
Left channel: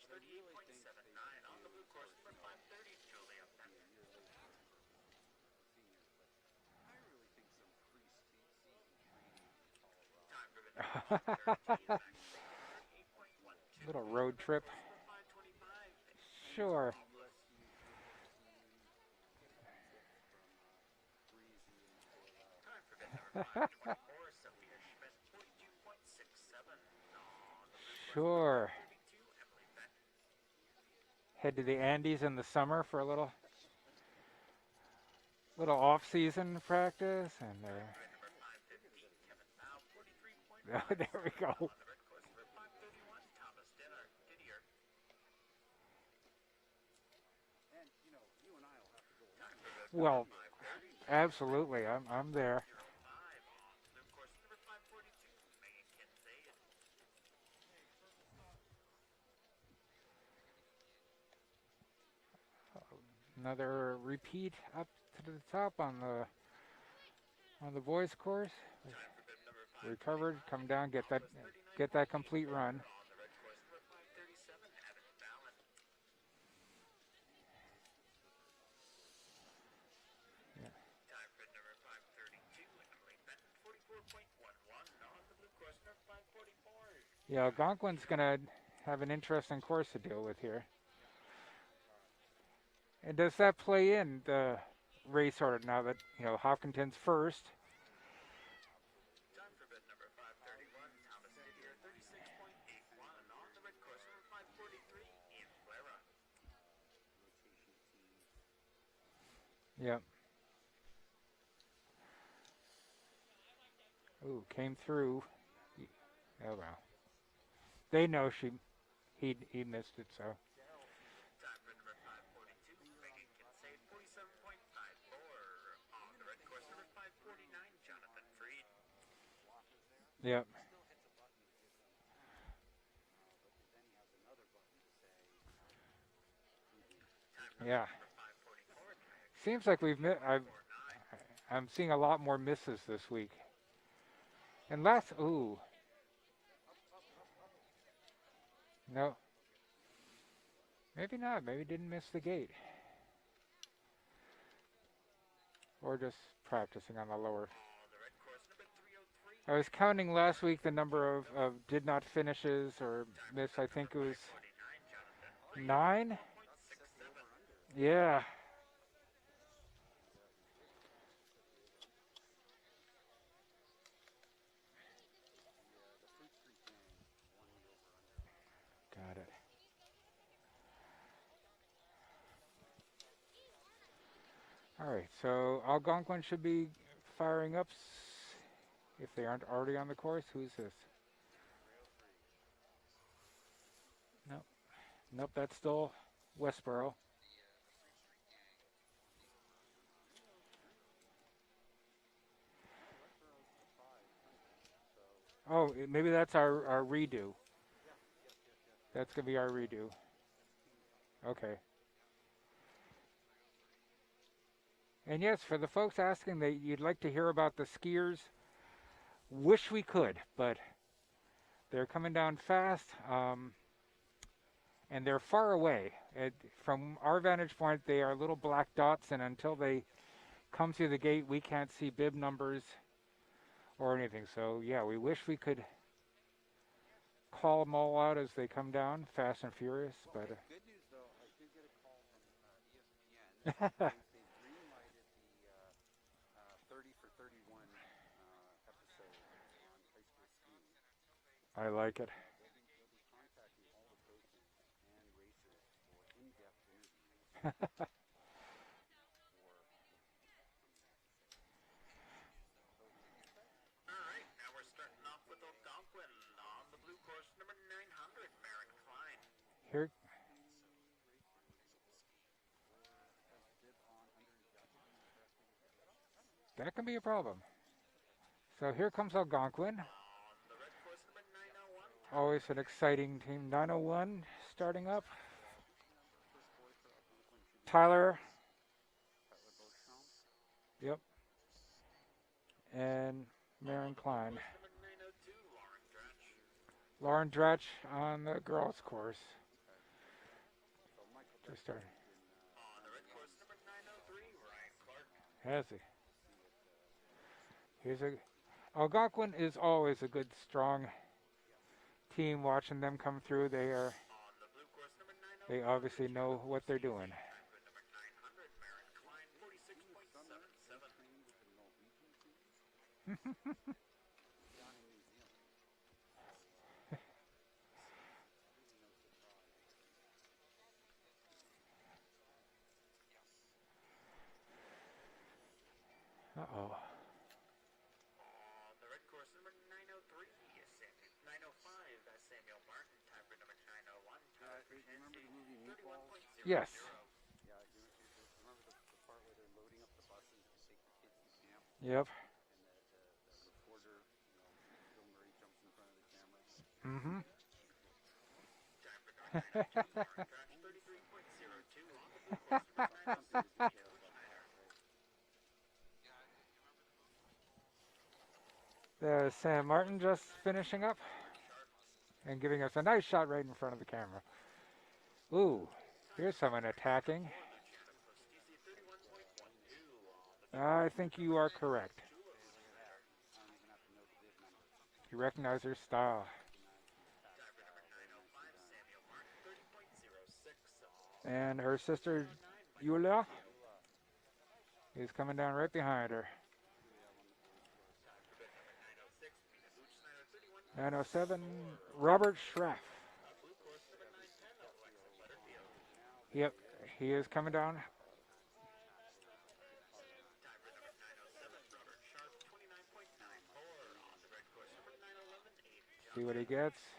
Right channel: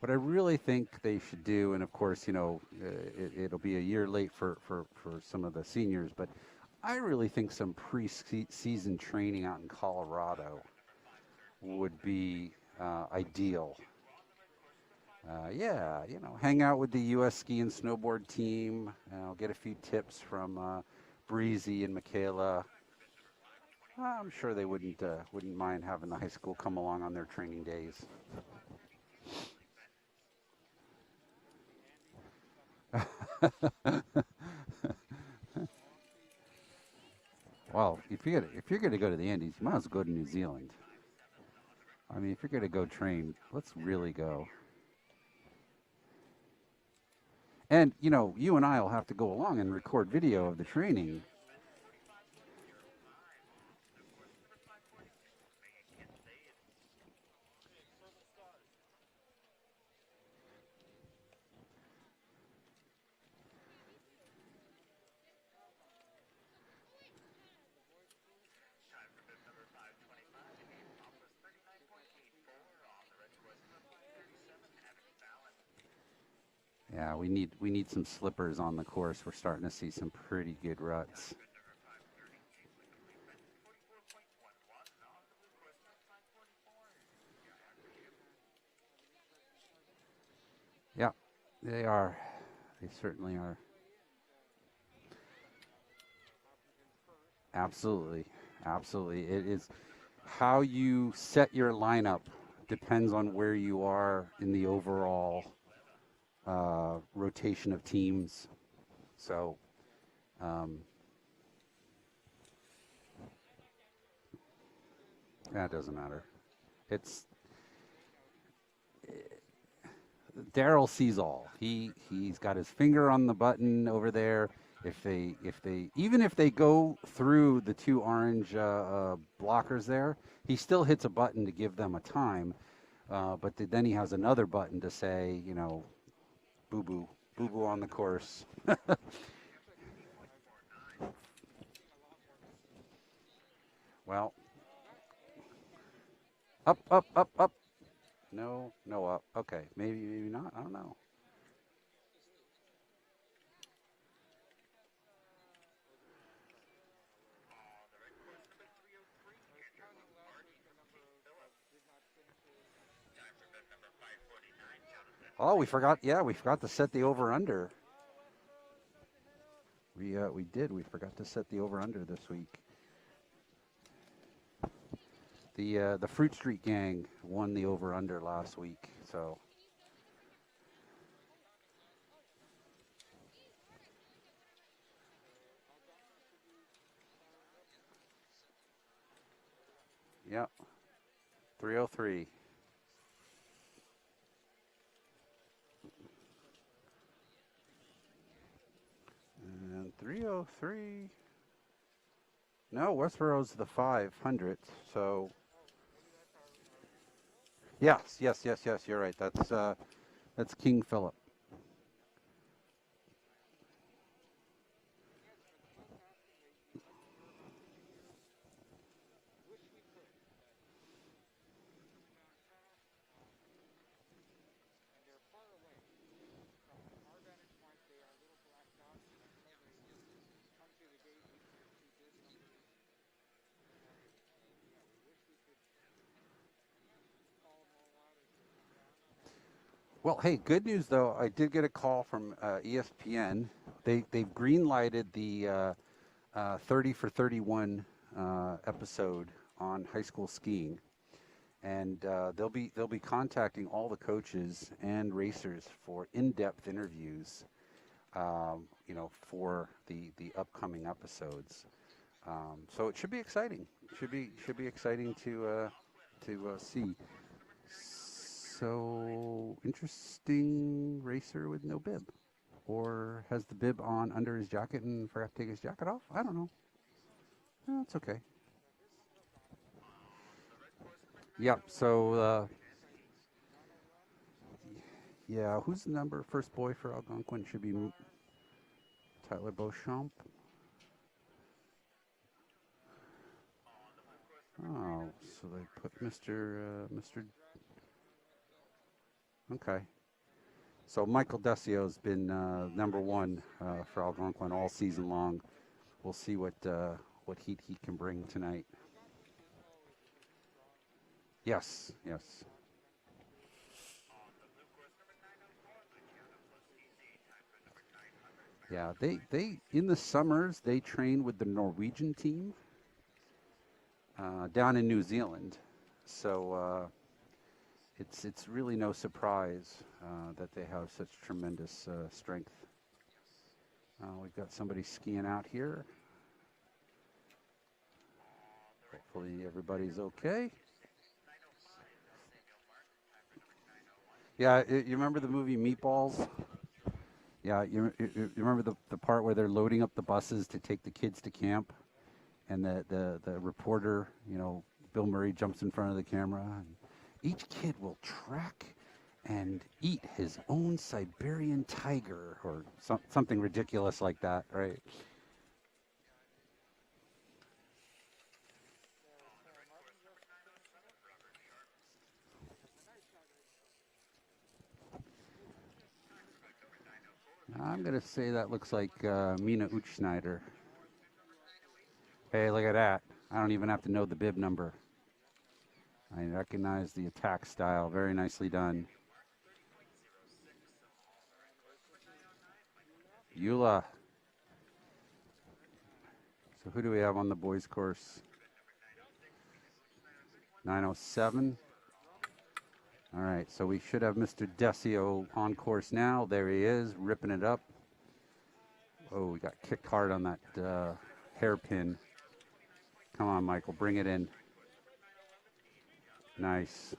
What I really think they should do, and of course, it'll be a year late for some of the seniors, but I really think some pre-season training out in Colorado would be ideal. Little road trip. Yeah, hang out with Sure. the U.S. ski and snowboard team. Get a few tips from Breezy and Michaela. I'm sure they wouldn't mind having the high school come along on their training days. Sure. Head to the Andes in the summer for a little off-season practice, and Well, if you're gonna go to the Andes, you might as well go to New Zealand. there we go. I mean, if you're gonna go train, let's really go. And you and I will have to go along and record Well, video of the training. Absolutely, I'm there. Another repeat up to the top on the boys course. Recovered, come down, get that complete run. Yeah, we need some slippers on the course. We're starting to see some pretty good ruts. Yeah, Algonquin's gonna have an interesting course to deal with here. Yeah, they are. They certainly Does are. that play in the race order now that Hopkinton's first? Absolutely, absolutely. It is how you set your lineup depends on where you are in the overall rotation of teams. So, Yeah. um, Ooh, came through. that doesn't matter. Oh well. It's They know he missed it, so. Daryl sees all. He's got his finger on the button over there. Even if they go through the two orange blockers there, Yeah. he still hits a button to give them a time. But then he has another button to say, boo boo on Yeah. the course. Seems like I'm seeing a lot more misses this week. Well, And up. No, Nope. up. Okay, maybe not. I don't know. maybe not. Maybe didn't miss the gate. or just practicing on the lower. I was counting last week the number of did not finishes or miss. I think it was Oh, we forgot. 9. Yeah, we forgot to set the over under. Yeah. We did. We forgot to set the over under this week. The Fruit Street Gang won the over under last week. God. So All right. So Algonquin should be firing up if they aren't already on the course. Yep. Who's this? 303. Nope. Nope. That's still Westboro. And 303. No, Westboro's the 500th. So Oh, maybe that's our redo. yes. You're That right. could be our redo. That's King Philip. Okay. And yes, for the folks asking that you'd like to hear about the skiers, wish we could, but they're coming down fast, and they're far away. From our vantage point, they are little black dots, and until they come through the gate, we can't see bib numbers or anything. So yeah, we wish we could call them all out as they come down, fast and furious. Well, hey, good news though. I did get a call from ESPN. They've green lighted the 30 for 31 episode on high school skiing. I like it. They'll be contacting all the coaches and racers for in-depth interviews, for the upcoming episodes. So it should be exciting. Should be exciting to see. So interesting racer with no bib, or has the bib on under his jacket and forgot to take his jacket off. I don't know. That can be a problem. That's okay. So here comes Algonquin. Yep. So Always an exciting team. 901 starting up. yeah, who's the first boy for Algonquin? Should be Tyler. Tyler Beauchamp. Yep. And Marin Klein. Oh, so they put Mr. Lauren Dretch on the girls' course. Okay. So Michael Desio's been #1 for Algonquin all season long. Has he? We'll see what heat he can bring tonight. Algonquin is always a good, strong Yes. team. Watching them come through, they obviously know what they're doing. Yeah, they in the summers they train with the Norwegian team down in New Zealand. So it's really no surprise that they have such tremendous strength. We've got somebody skiing out here. Uh-oh. Hopefully everybody's okay. Yeah, you remember the movie Meatballs? Yes. Yeah, you remember the part where they're loading up the buses to take the kids to camp, Yep. and the reporter, Bill Murray jumps in front of the camera. And Mm-hmm. each kid will track and eat his own Siberian tiger, or something ridiculous like that, right? There's Sam Martin just finishing up and giving us a nice shot right in front of the camera. Ooh, here's someone attacking. I'm gonna say that looks like Mina Utschneider. I think you are correct. Hey, look at that! I don't even have to know the bib number. You recognize her style. I recognize the attack style. Very nicely done. And her sister, Yulia, Eula. is coming down right behind her. So who do we have on the boys' course? 907. Robert Schraff. All right, so we should have Mr. Desio on course now. There he is, He ripping is it coming up. down. Oh, we got kicked hard on that hairpin. Come on, Michael, bring it in. See what he Nice. gets.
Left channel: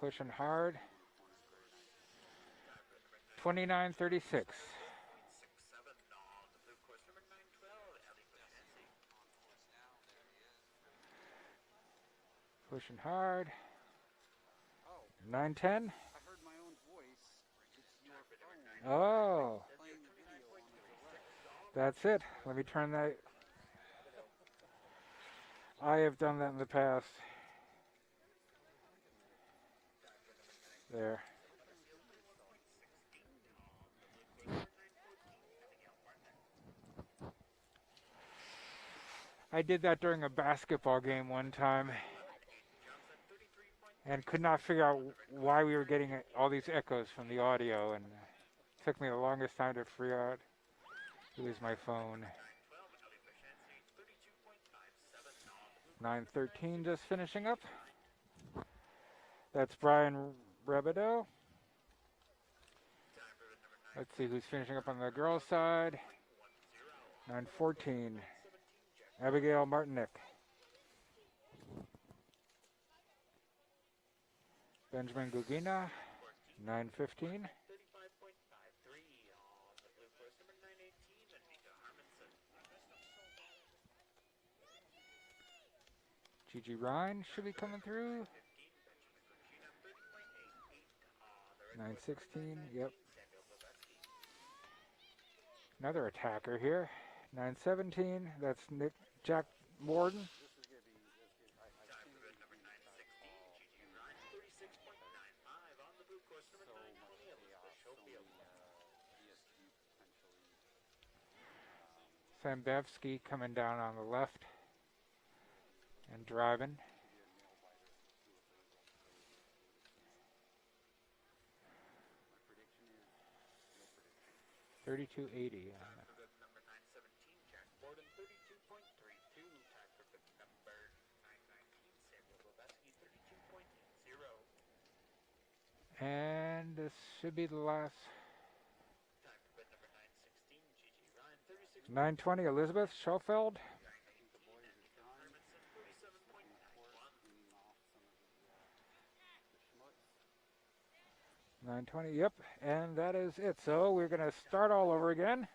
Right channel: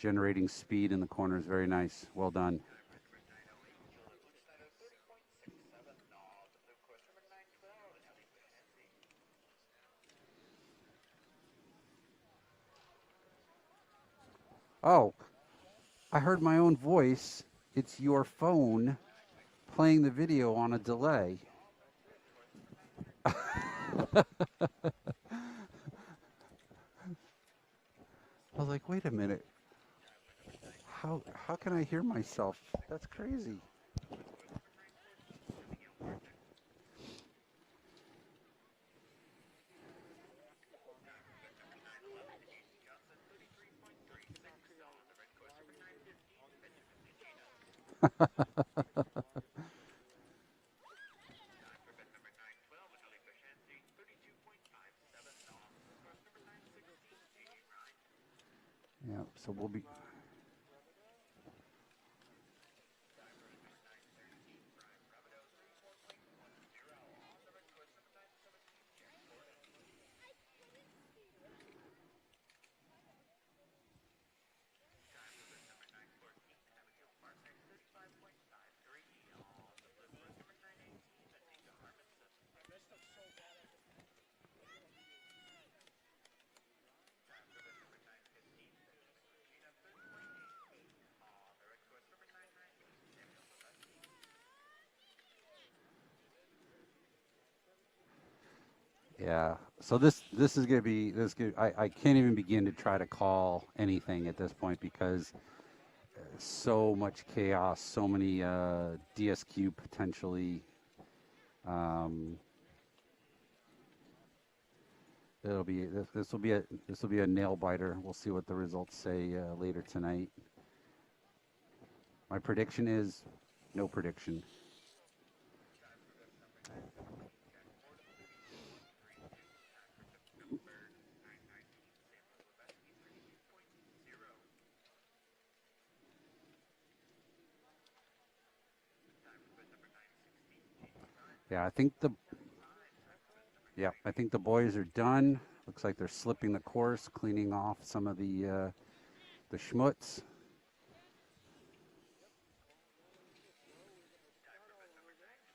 Generating hard. speed in the corners. Very nice. Well done. 29:36. Pushing hard. Oh, 9:10. I heard my own voice. It's your phone Oh, playing the video on a delay. that's it. Let me turn that. I have done that in the past. I was like, wait a minute. There. How can I hear myself? That's crazy. I did that during a basketball game one time and could not figure out why we were getting all these echoes from the audio, and it took me the longest time to figure out it was my phone. 9:13 just finishing up. Yeah, so That's Brian Rebedo. Let's see who's finishing up on the girls' side. 9:14. Abigail Martinick. Benjamin Gugina. 9:15. Gigi Ryan should be coming through. 9:16. Yep. Another attacker here. 9:17. That's Nick. Yeah. So Morton. this is gonna be I can't even begin to try to call anything at this point because so much chaos, so many DSQ potentially. Sambevsky coming down on the left. It'll be Driving. this will be a nail biter. We'll see what the results say later tonight. My prediction is no prediction. 32.80. And this should be the last. Yeah, I think 9:20. Elizabeth Schofeld. Yeah, I think the boys are done. Looks like they're slipping the course, cleaning off some of the schmutz. 9:20. Yep, and that is it. So we're going to start all over again.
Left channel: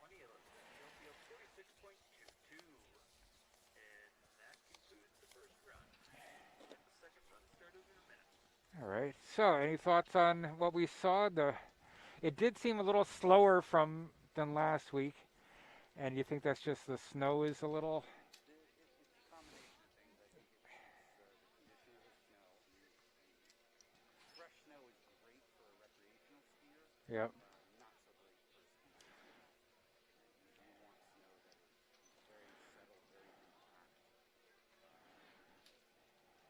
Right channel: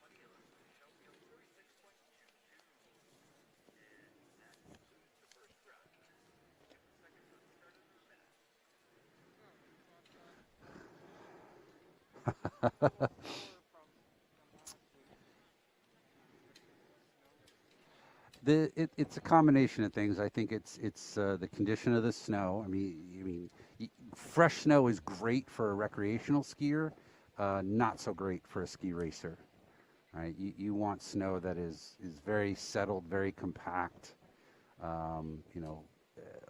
All right. So, any thoughts on what we saw? It did seem a little slower than last week, and you think that's just the snow is a little. It's a combination of things. I think it's the condition of the snow. I mean, fresh snow is great for a recreational skier. Yep. Not so great for a ski racer. Right? You want snow that is very settled, very compact.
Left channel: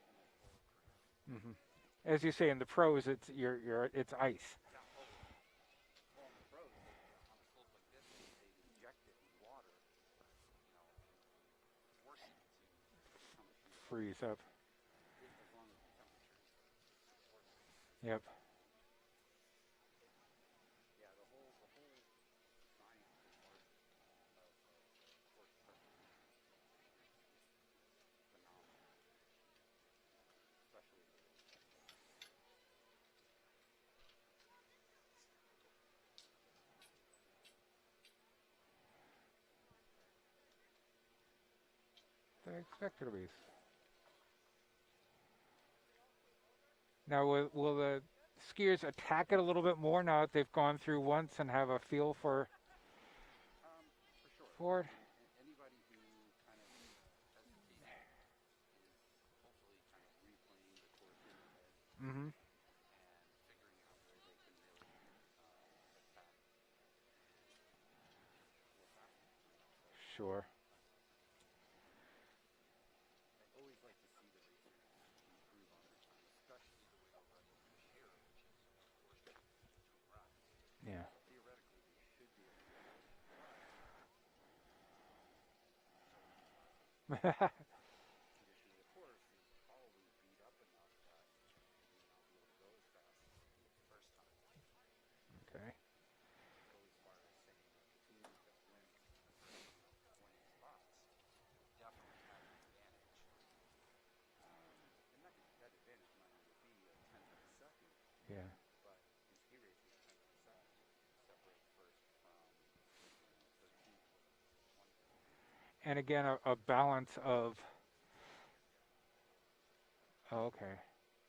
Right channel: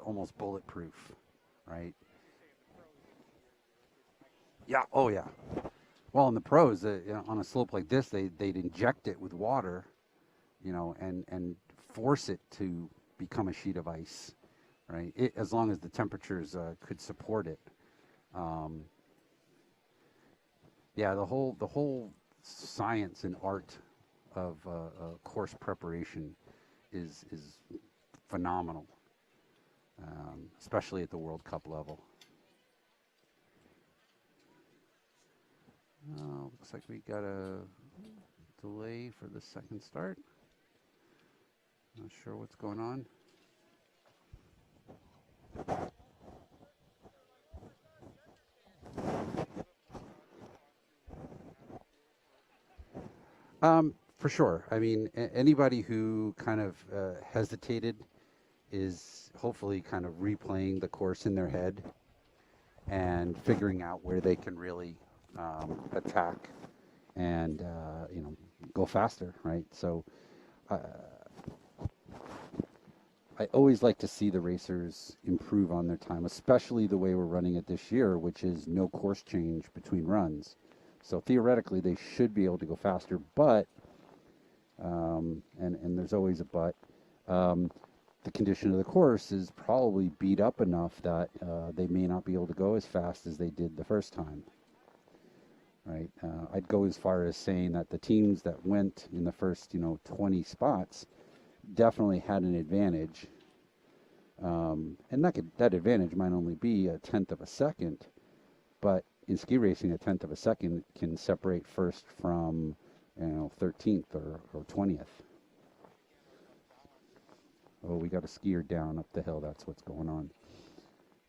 Almost bulletproof. Mm-hmm. Right? As you say in the pros, it's ice. Yeah. Oh yeah. Well, in the pros, on a slope like this, they'd inject it with water, and force it to become a sheet of ice, right? As long as the temperatures could support it. Yep. Yeah, the whole science and art of course preparation is phenomenal, especially at the World Cup level. Looks like we got a delay for the second start. Not sure what's going on. Now, will the skiers attack it a little bit more now that they've gone through once and have a feel for? For sure. I mean, anybody who kind of hesitated is hopefully kind of replaying the course in their head and figuring out where they can really attack and go faster, right? So sure. I always like to see the racers improve on their time, especially the way we're running it this year, which is no course change between runs. Yeah. So theoretically, they should be able to go faster, but and there's always a but. The condition of the course is probably beat up enough that they may not be able to go as fast as they did the first time. Right. I'd go as far as saying that the teams that went in the first, 20 spots definitely had an advantage. And that advantage might only be a tenth of a second. Yeah. But in ski racing, a tenth of a second can separate first from, 13th or 20th. And again, a balance of. Oh, we got a skier down up the hill. That's what's going on. Oh, okay.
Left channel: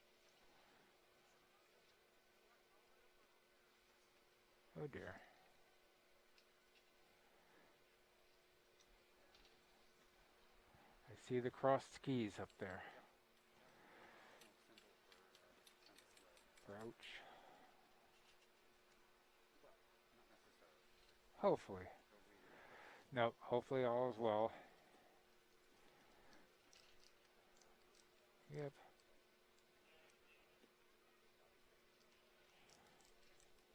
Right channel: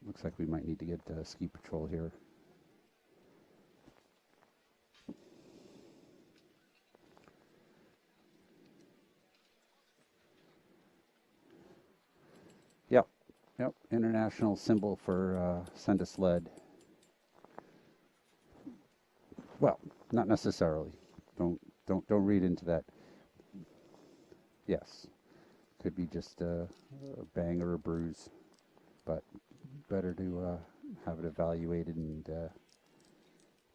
Looks like we might need to get ski patrol here. Oh dear. I see the crossed skis up there. Yep. International symbol for send a sled. Crouch. Well, not necessarily. Hopefully. Don't read into that. No, hopefully all is well. Yes. Could be just a bang or a bruise, Yep. but better to have it evaluated and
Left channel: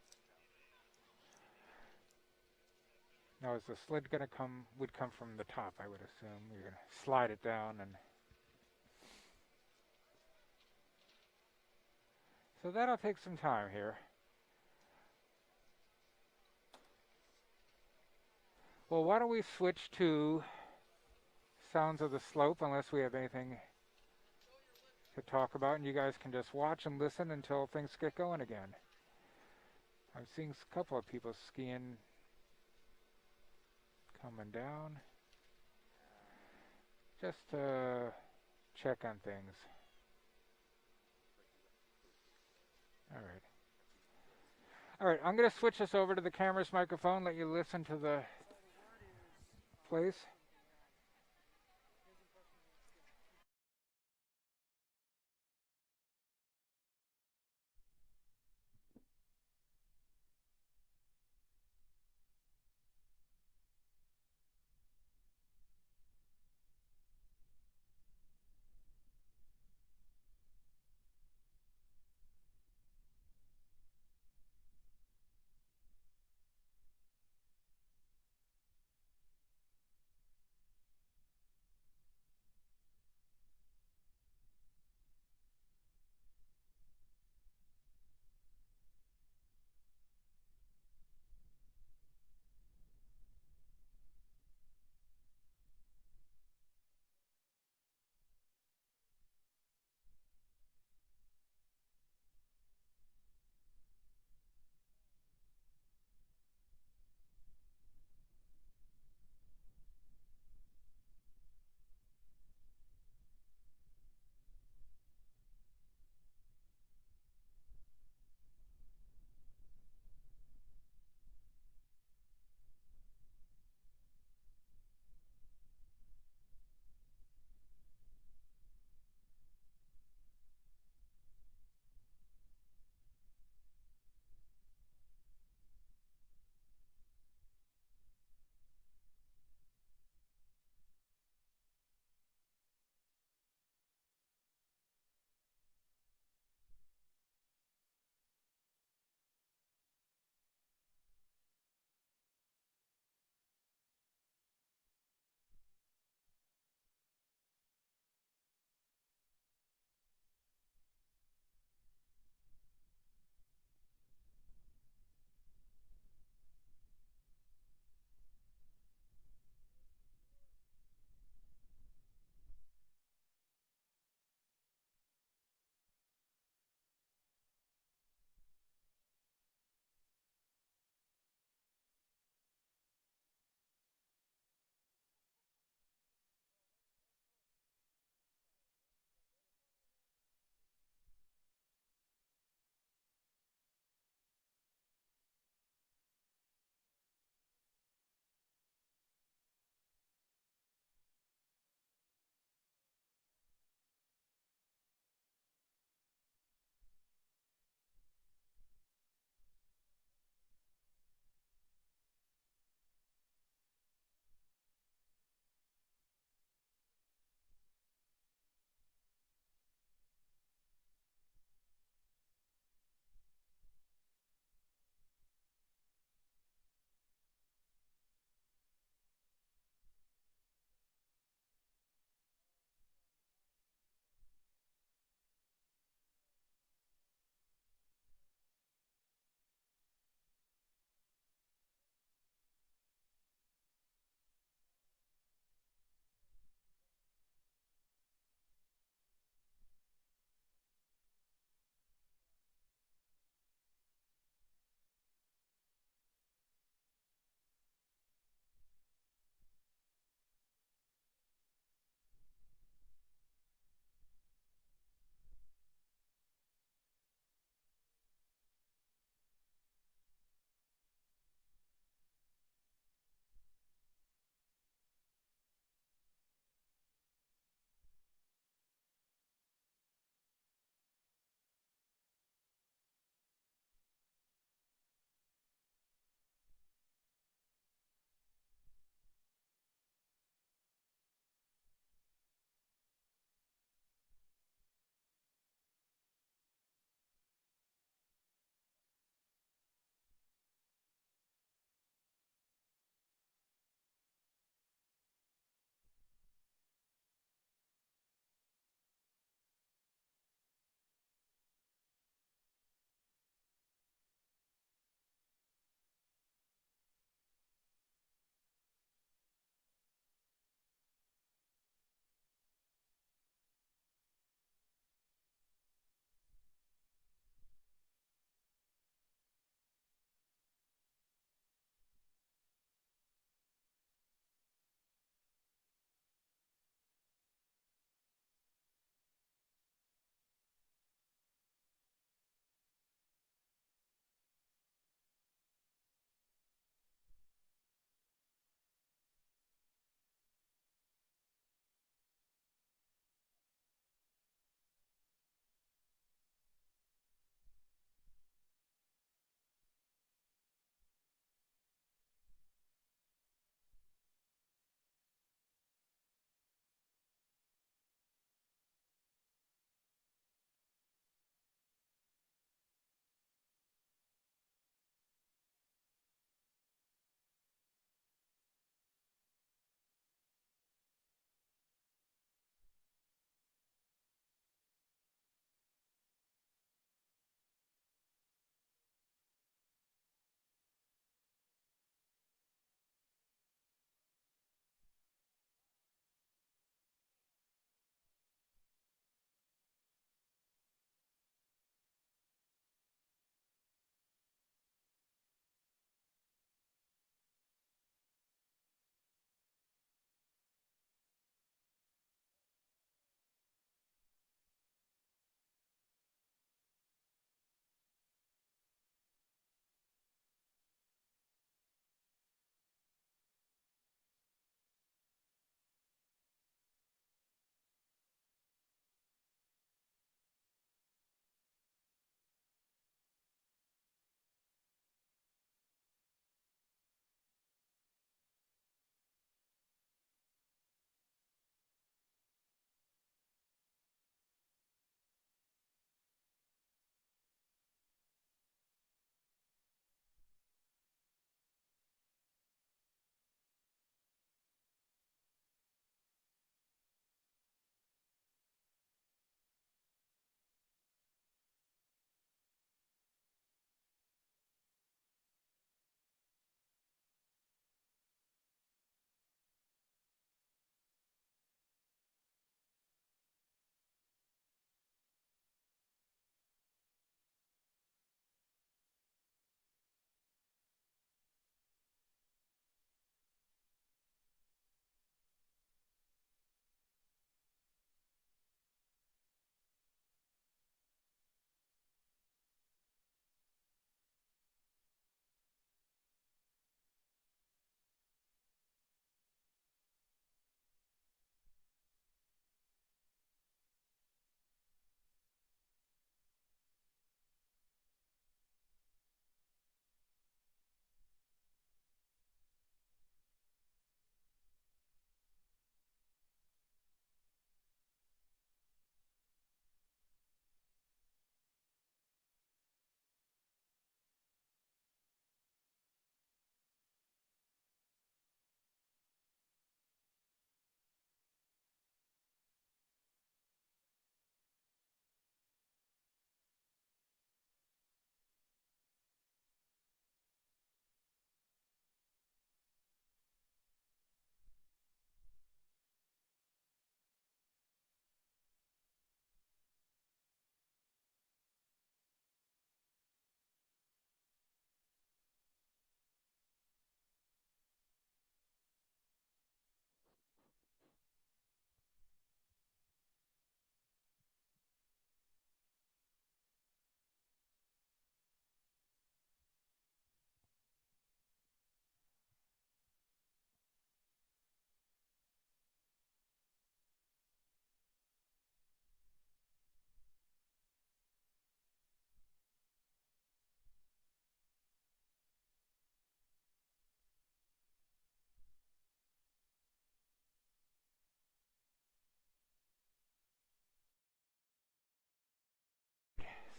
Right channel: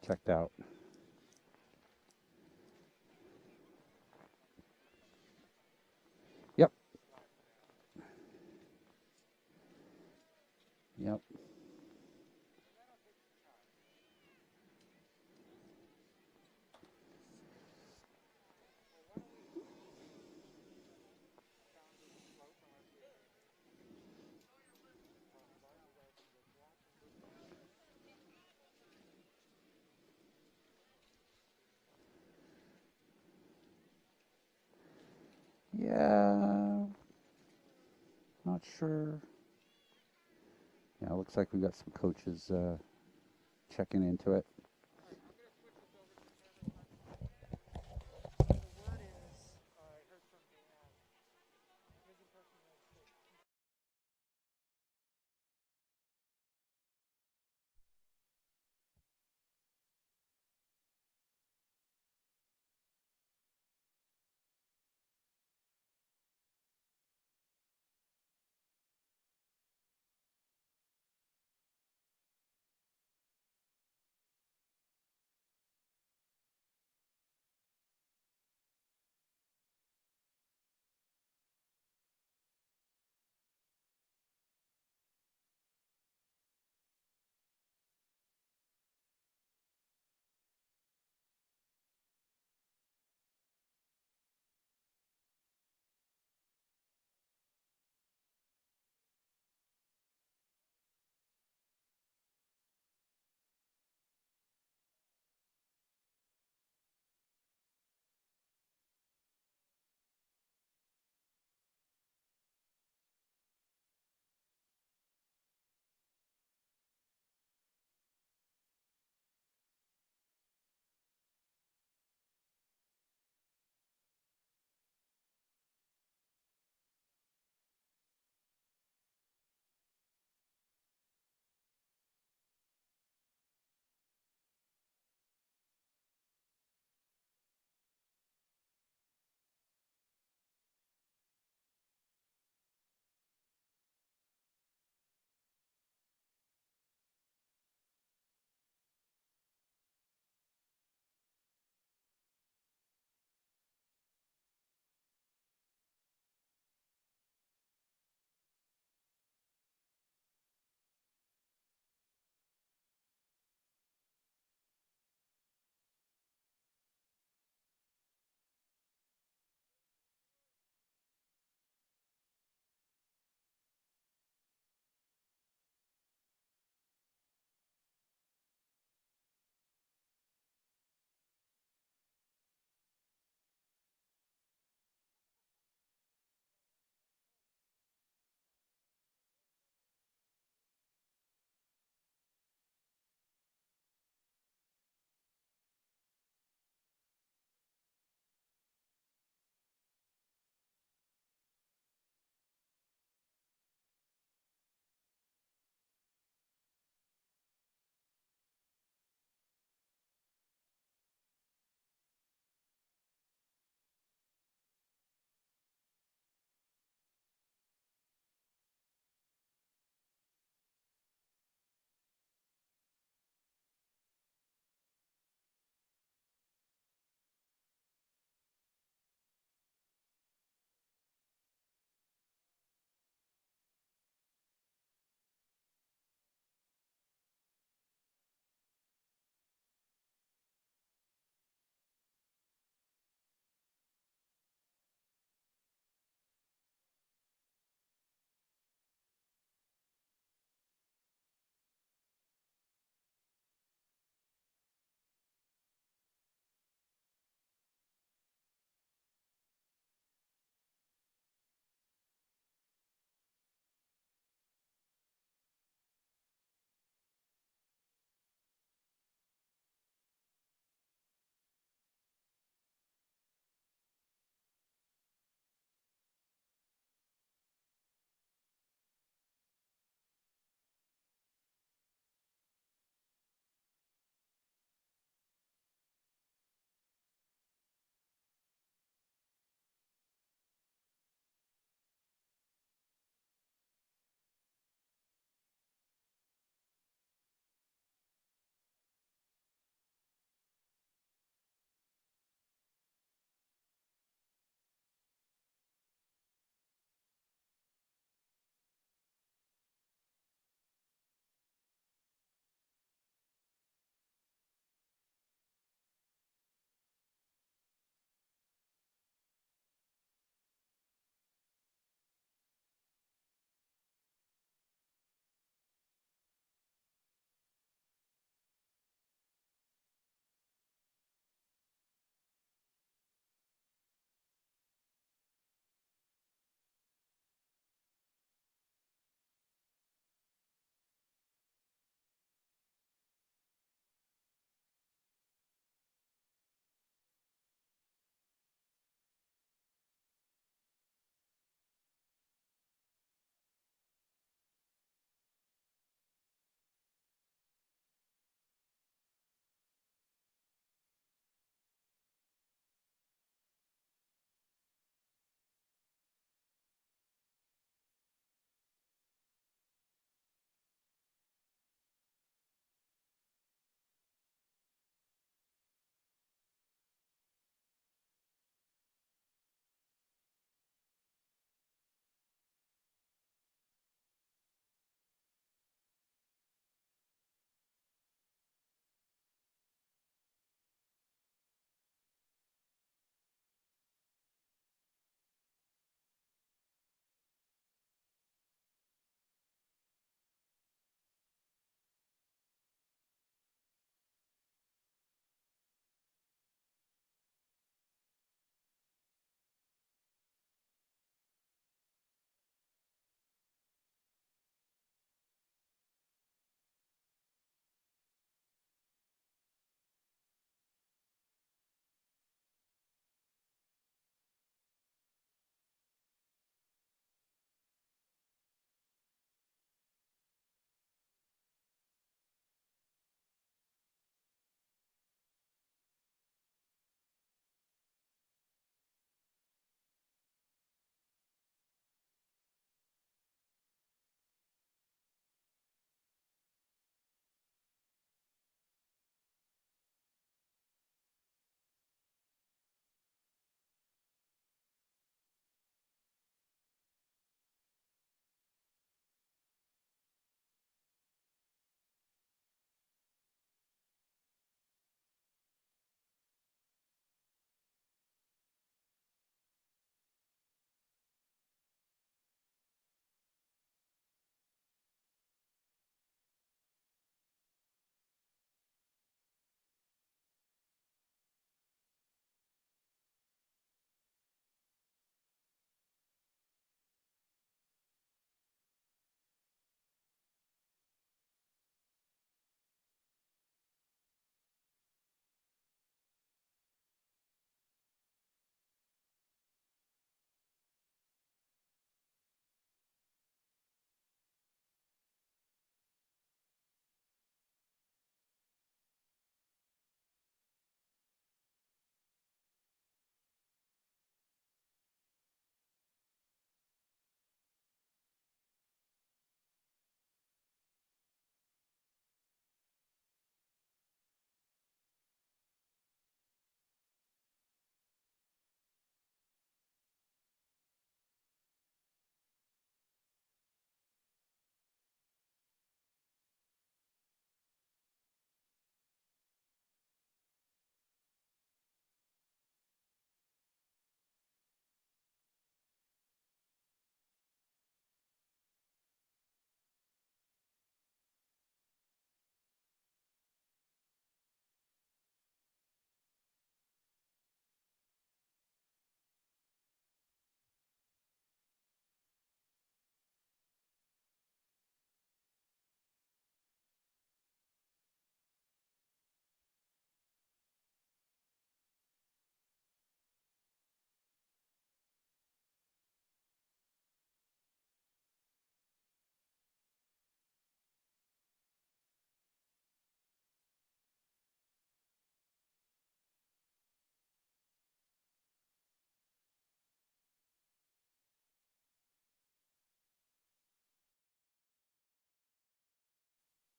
checked out. Now, is the sled going to come? Would come from the top, I would assume. You're Yep. going to slide it down, and Yep. so that'll take some time here. Well, why don't we switch to sounds of the slope, unless we have anything to talk about, and you guys can just watch and listen until things get going again. I'm seeing a couple of people skiing coming down. Yeah. Just to Not check sure. on things. Yeah, looks like we got some coaches All right. checking into it. All right, I'm going to switch this over to the camera's microphone, let you listen to the place.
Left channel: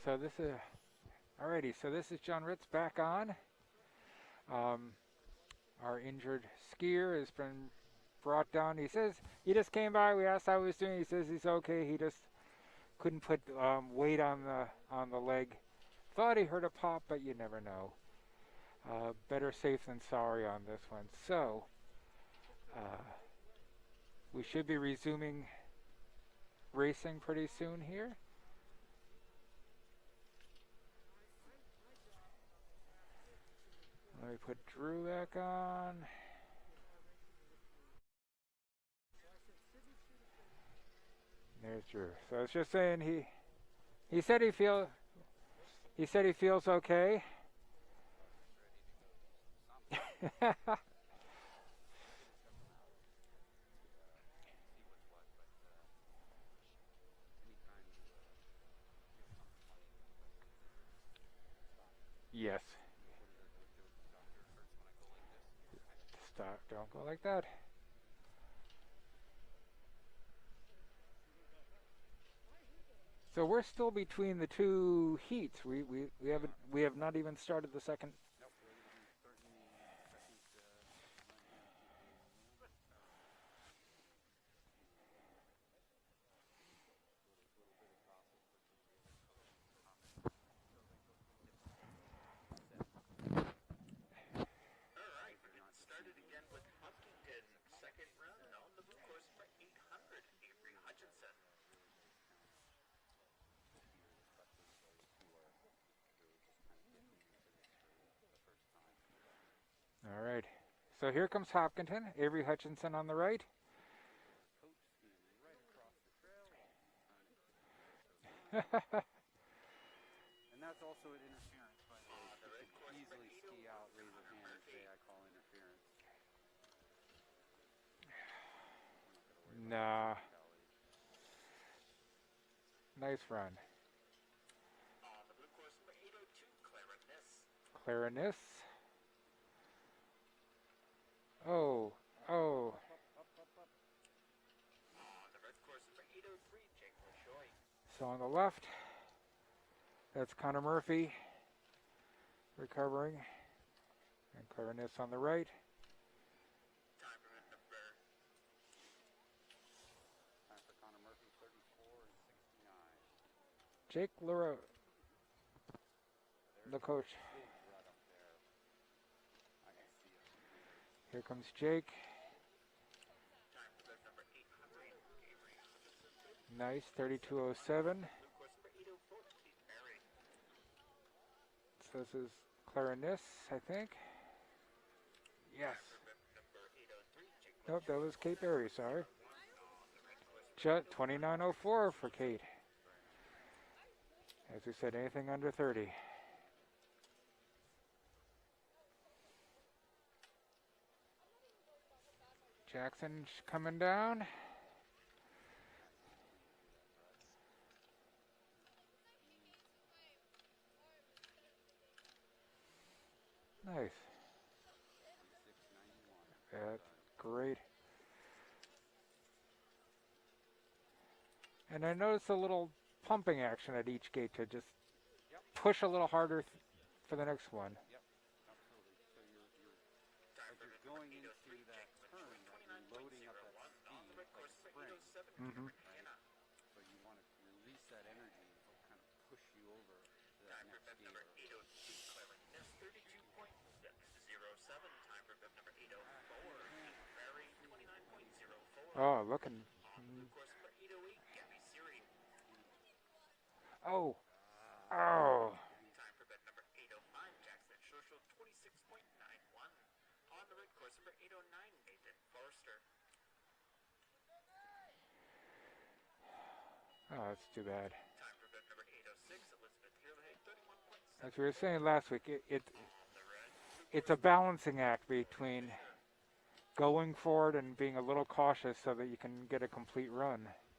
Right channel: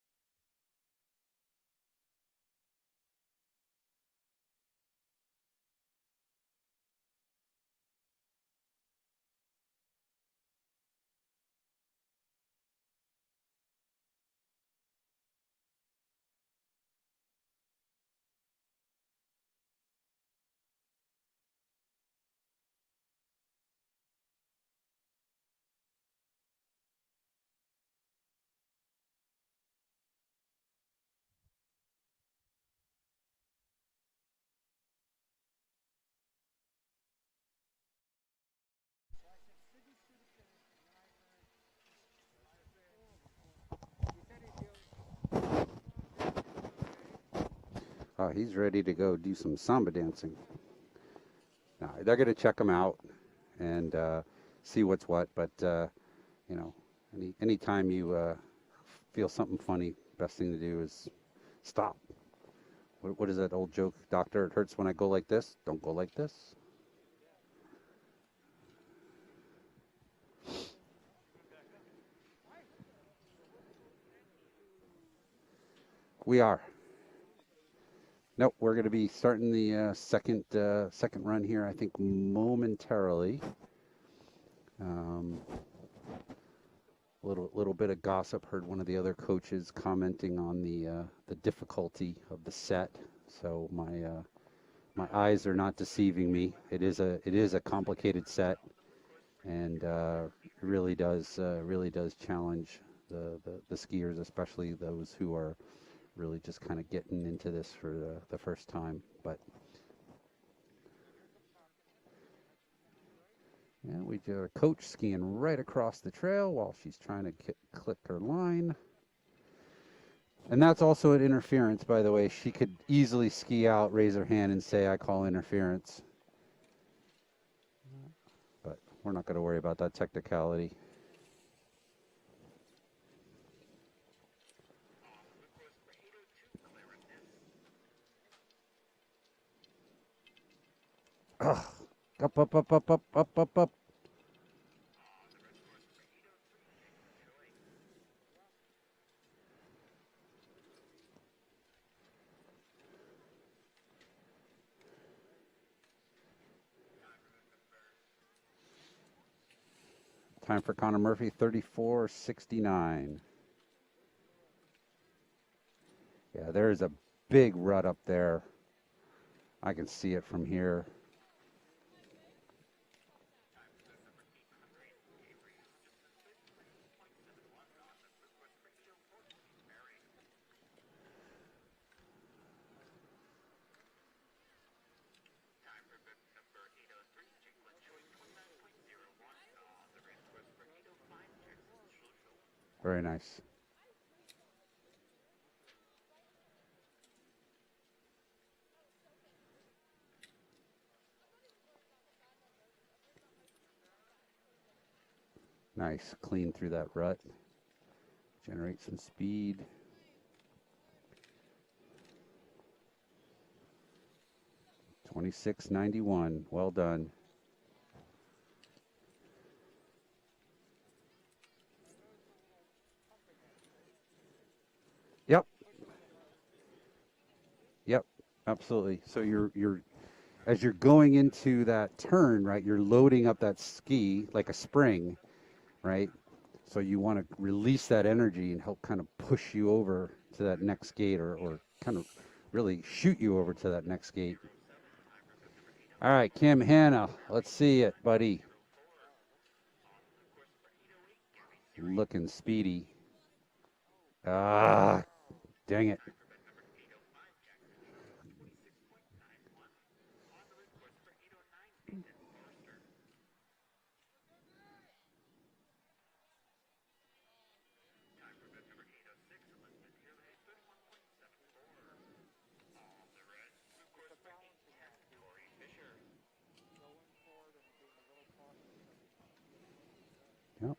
So this is alrighty. So this is John Ritz back on. Our injured skier has been brought down. He says he just came by. We asked how he was doing. He says he's okay. He just couldn't put weight on the leg. Thought he heard a pop, but you never know. Better safe than sorry on this one. So we should be resuming racing pretty soon here. Let me put Drew back on. There's Drew. So I was just saying he said he feels okay. Oh, he's ready to go do some samba dancing. No, they're going to check him out and see what's what. But you know, anytime you feel something funny, best thing to do is stop. Yes. What is that old joke? Doctor, it hurts when I go like this. Don't go like this. Stop. Don't go like that. So we're still between the two heats. We are. We have not even started the second. Nope, we're going to be starting the second run here, I think, momentarily. Little bit of gossip. Heard one of the other coaches commenting on the difficulty of the set. So my eyes are not deceiving me. It is a complicated set, and really does challenge the skiers, especially those who are really just kind of getting into this for the first time. But all right. So here comes Hopkinton. Avery Hutchinson on the right. yeah, we do a coach skiing right across the trail while she's trying to click her line. And that's also an interference, by the way. She could easily ski out, raise her hand, and say, I call interference. But we're not going to worry about that technicality. Nice run. Clarinis. Oh. Up. So on the left, that's Connor Murphy recovering. And Clarinis on the right. Time for Connor Murphy, 34:69. Jake LaRoche. Yeah, there's a big rut up there. I can see it from here. Here comes Jake. Nice, 32:07. So this is Clarinis, I think. Yes. Nope, that was Kate Berry, sorry. 29:04 for Kate. Very nice. As we said, anything under 30. Jackson coming down. Nice, clean through that rut. Generate some speed. Nice. 26:91. Well done. Great. And I noticed a little pumping action at each gate to just push a little harder for the next one. Yep, absolutely. So you're as you're going into that turn, right, you're loading up that ski like a spring, right? So you want to release that energy and help kind of push you over to that next gate or kind of really shoot you over to that next gate. All right, Kim Hanna, let's see it, buddy. Oh, Looking speedy. Oh. Dang it. Oh, that's too bad. As we were saying last week, it's a balancing act between going for it and being a little cautious so that you can get a complete run. Yep.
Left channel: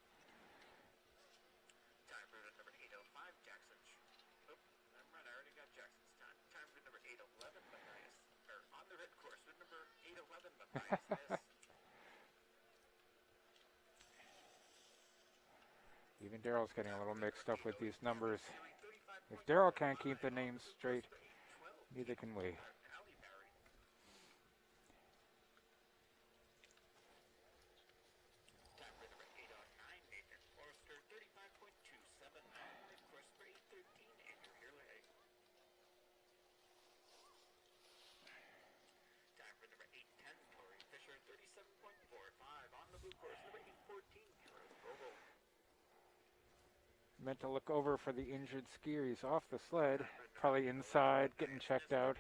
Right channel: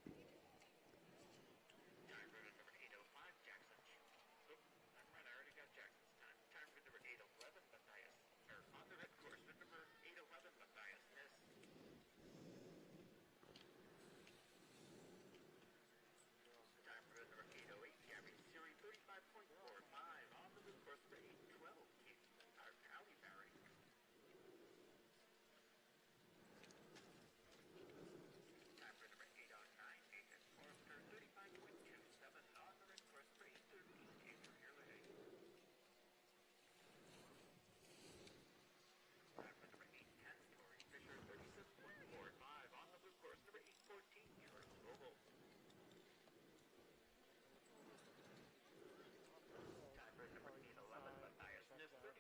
Even Daryl's getting a little mixed up with these numbers. If Daryl can't keep the names straight, neither can we. Meant to look over for the injured skier. He's off the sled, probably inside, getting checked out.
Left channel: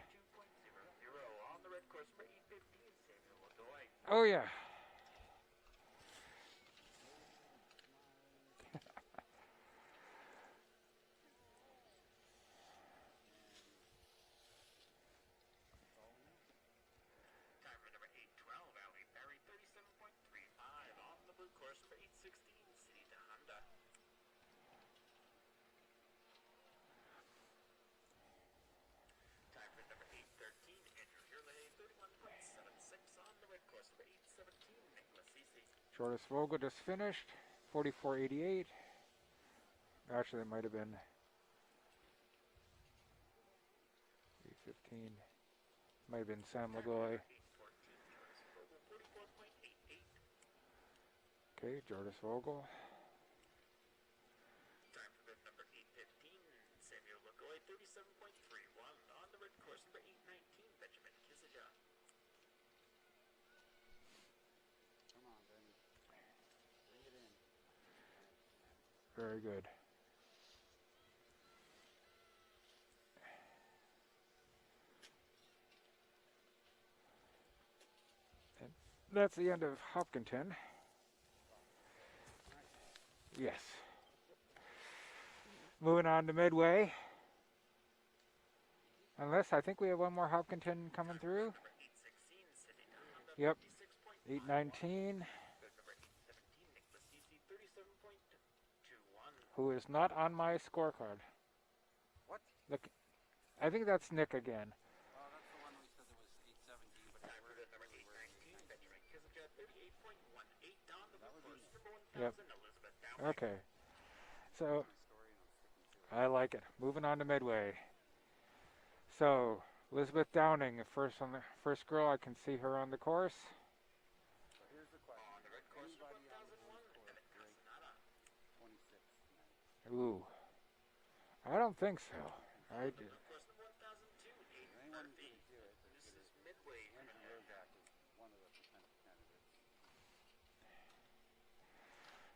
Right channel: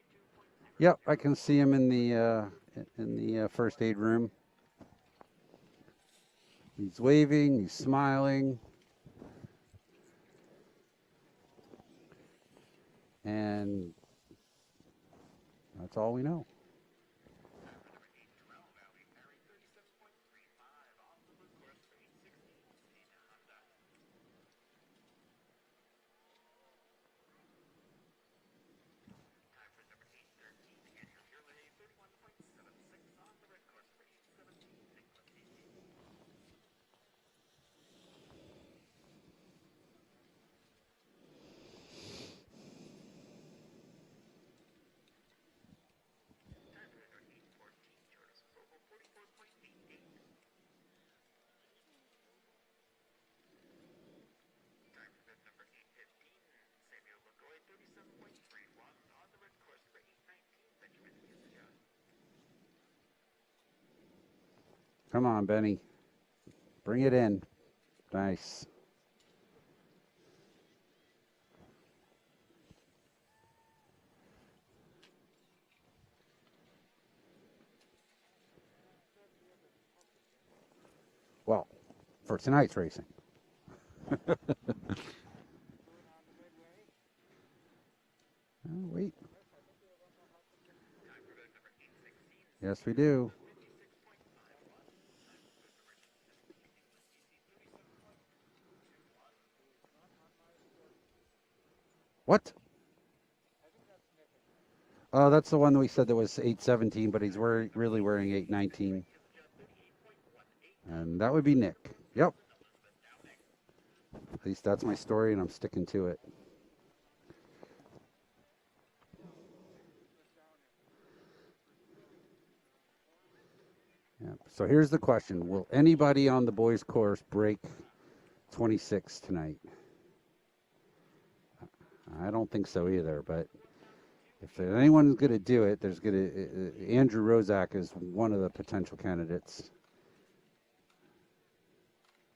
Yep, I can see him in the first aid room. Oh yeah. He's waving, he's smiling. And that's all we know. Jordas Vogel just finished, 44.88. Actually, it might have been 8:15. Might have been Sam Lagoy. Okay, Jordas Vogel. Come on, Benny. Bring it in. Nice. Very good. And that's the end of Hopkinton. Well, for tonight's racing. Yes. Moving on to Midway. Oh, wait. Unless I think we have one more Hopkinton coming through. Yes, we do. Yep. 8:19. Who is not on my scorecard. What? Look, I think that's Nick again. Oh, that's the one that we said that was 8:17, but he's really wearing 8:19. And that would be Nick. Yep. Okay. At least that's my story, and I'm sticking to it. I like it. Moving on to Midway. So, Elizabeth Downing, first girl, I can see her on the course. Yeah. So here's the question. Will anybody on the boys' course break 26 tonight? Ooh. I don't think so. I don't think so either, but if anyone's going to do it, Andrew Rozak is one of the potential candidates.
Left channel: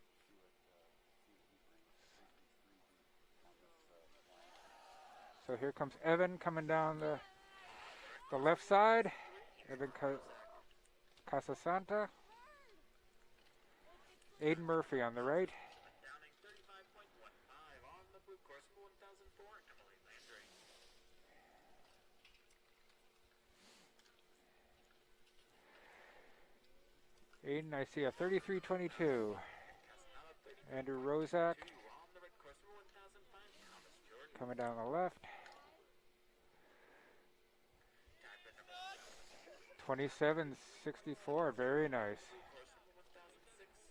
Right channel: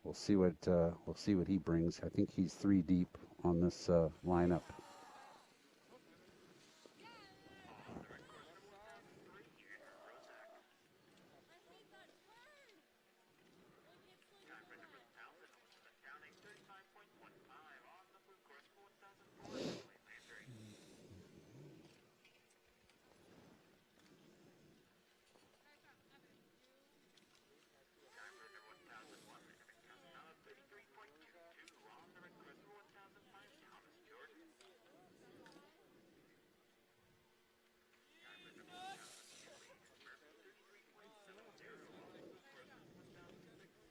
We'll see what he brings. I think he's 3 deep on this lineup. So here comes Evan coming down the left side. Evan Casasanta. Aiden Murphy on the right. Aiden, I see a 33.22. Andrew Rozak coming down the left. 27.64, very nice.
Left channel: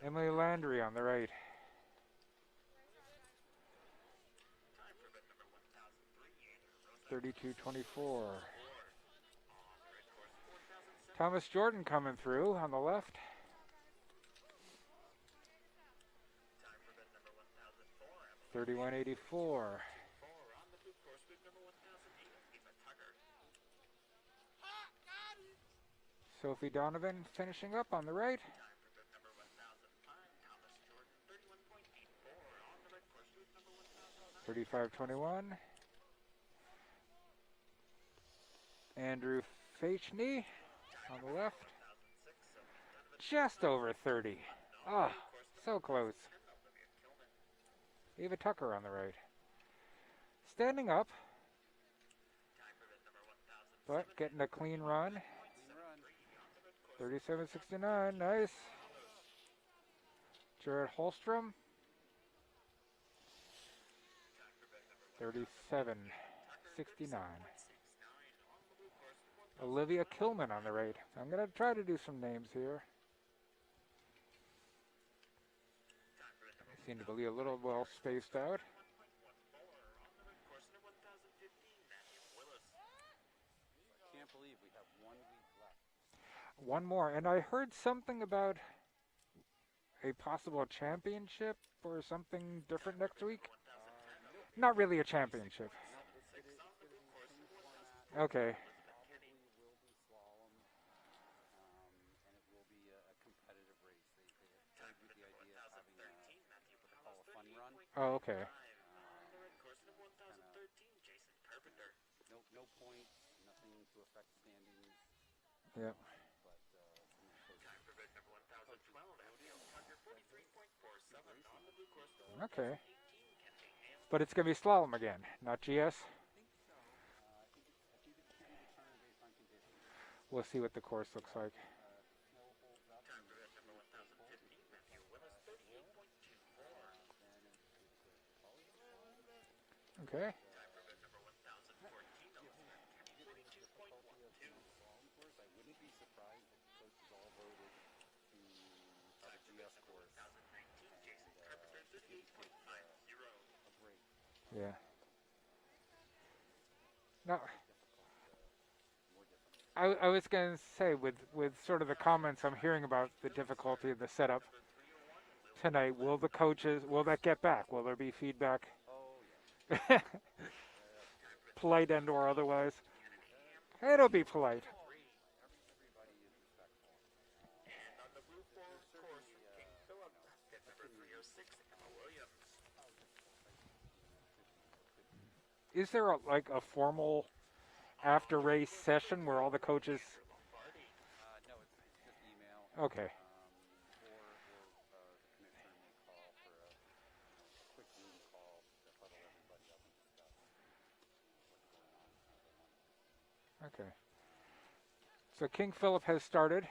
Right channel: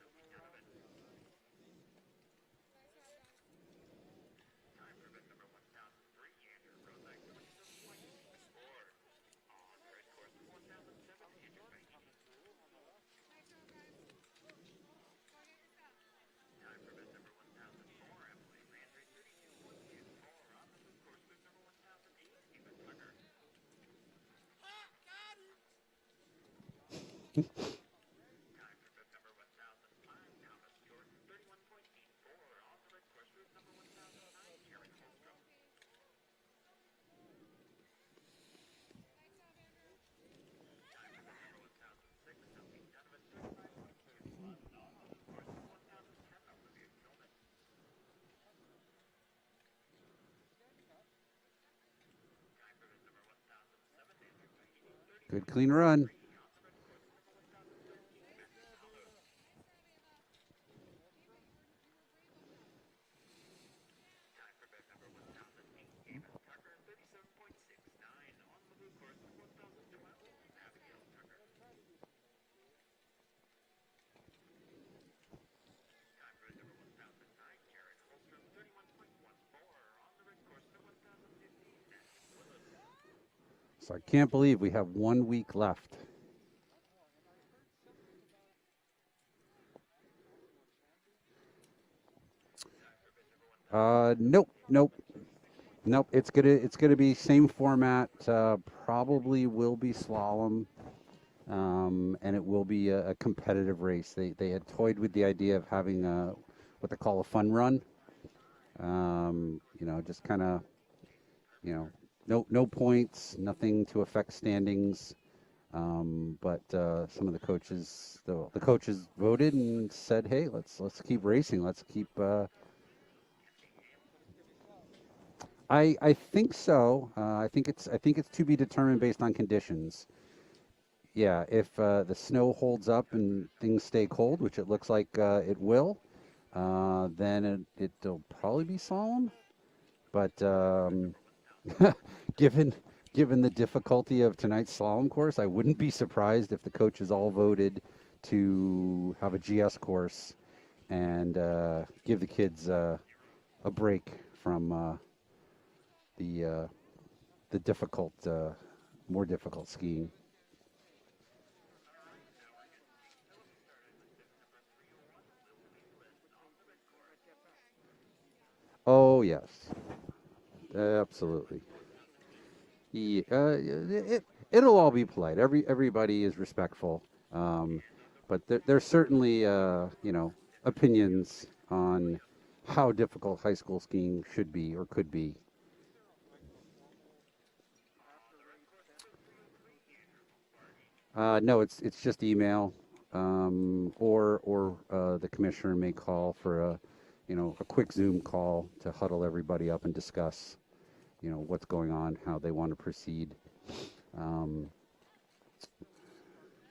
Emily Landry on the right. $32.24. Thomas Jordan coming through on the left. $31.84. Sophie Donovan finishing up on the right. $35.21. Andrew Fachney on the left. Just over 30. Ah, so close. Ava Tucker on the right. Standing up, but getting a clean run. Good clean run. 37.69, nice. Jared Holstrom. 37.69. Olivia Kilman on the right. I'm going to try to do some names here. Seem to be a little well spaced out. So I can't believe we have 1 week left. One more, and I heard something about a possible championship or something different next week. Nope, Not nope, really a championship. nope. It's gonna be same format. Okay. Probably will be slalom, and it will be a competitive race. They had toyed with the idea of having what they call a fun run. Oh, okay. Just kind of, no points, nothing to affect standings. But some of the coaches voted and said, "Hey, let's keep racing. Let's keep." Okay. But it's gonna be slalom again, not GS. I think so. I think it's to be determined based on conditions. We'll see what the course looks Yeah, like. if the snow holds up and things stay cold, which it looks like it will, then it'll probably be slalom. Okay. But given given the difficulty of tonight's slalom course, I wouldn't be surprised if the coaches all voted to have a GS course and give the kids a break from the Now, the more difficult skiing. I was gonna say with sort of the comments I'm hearing about the difficulty of the setup tonight, will that get back? Will there be feedback? Oh yes, absolutely. Polite and or otherwise? Yeah, It'll be polite. it'll all be polite. Everybody is respectful, but there's certainly opinions on how difficult high school skiing should be or could be. Is there like a formal after race session where all the coaches? No, it's just email, Okay. or the commissioner may call for a quick Zoom call to huddle everybody up and discuss what's going on, how they want to proceed. So King Philip has started.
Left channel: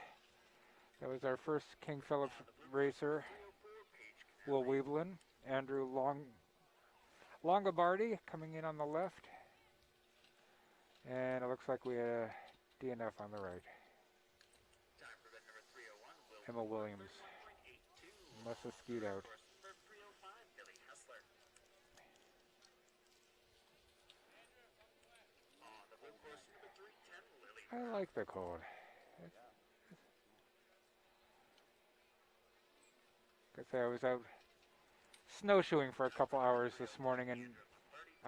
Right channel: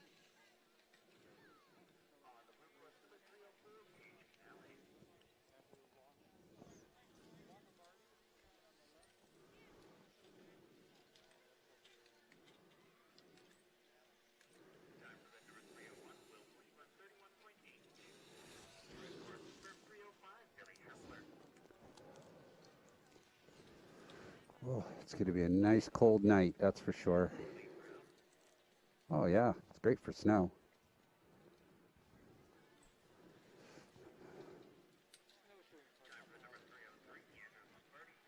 That was our first King Philip racer. Will Weeblen, Andrew Longobardi coming in on the left. And it looks like we had a DNF on the right. Emma Williams. Must have skewed out. Oh, it's going to be a nice cold night, that's for sure. I like the cold. Oh yeah, it's great for snow. Like I say, I was out snowshoeing for a couple hours this morning, and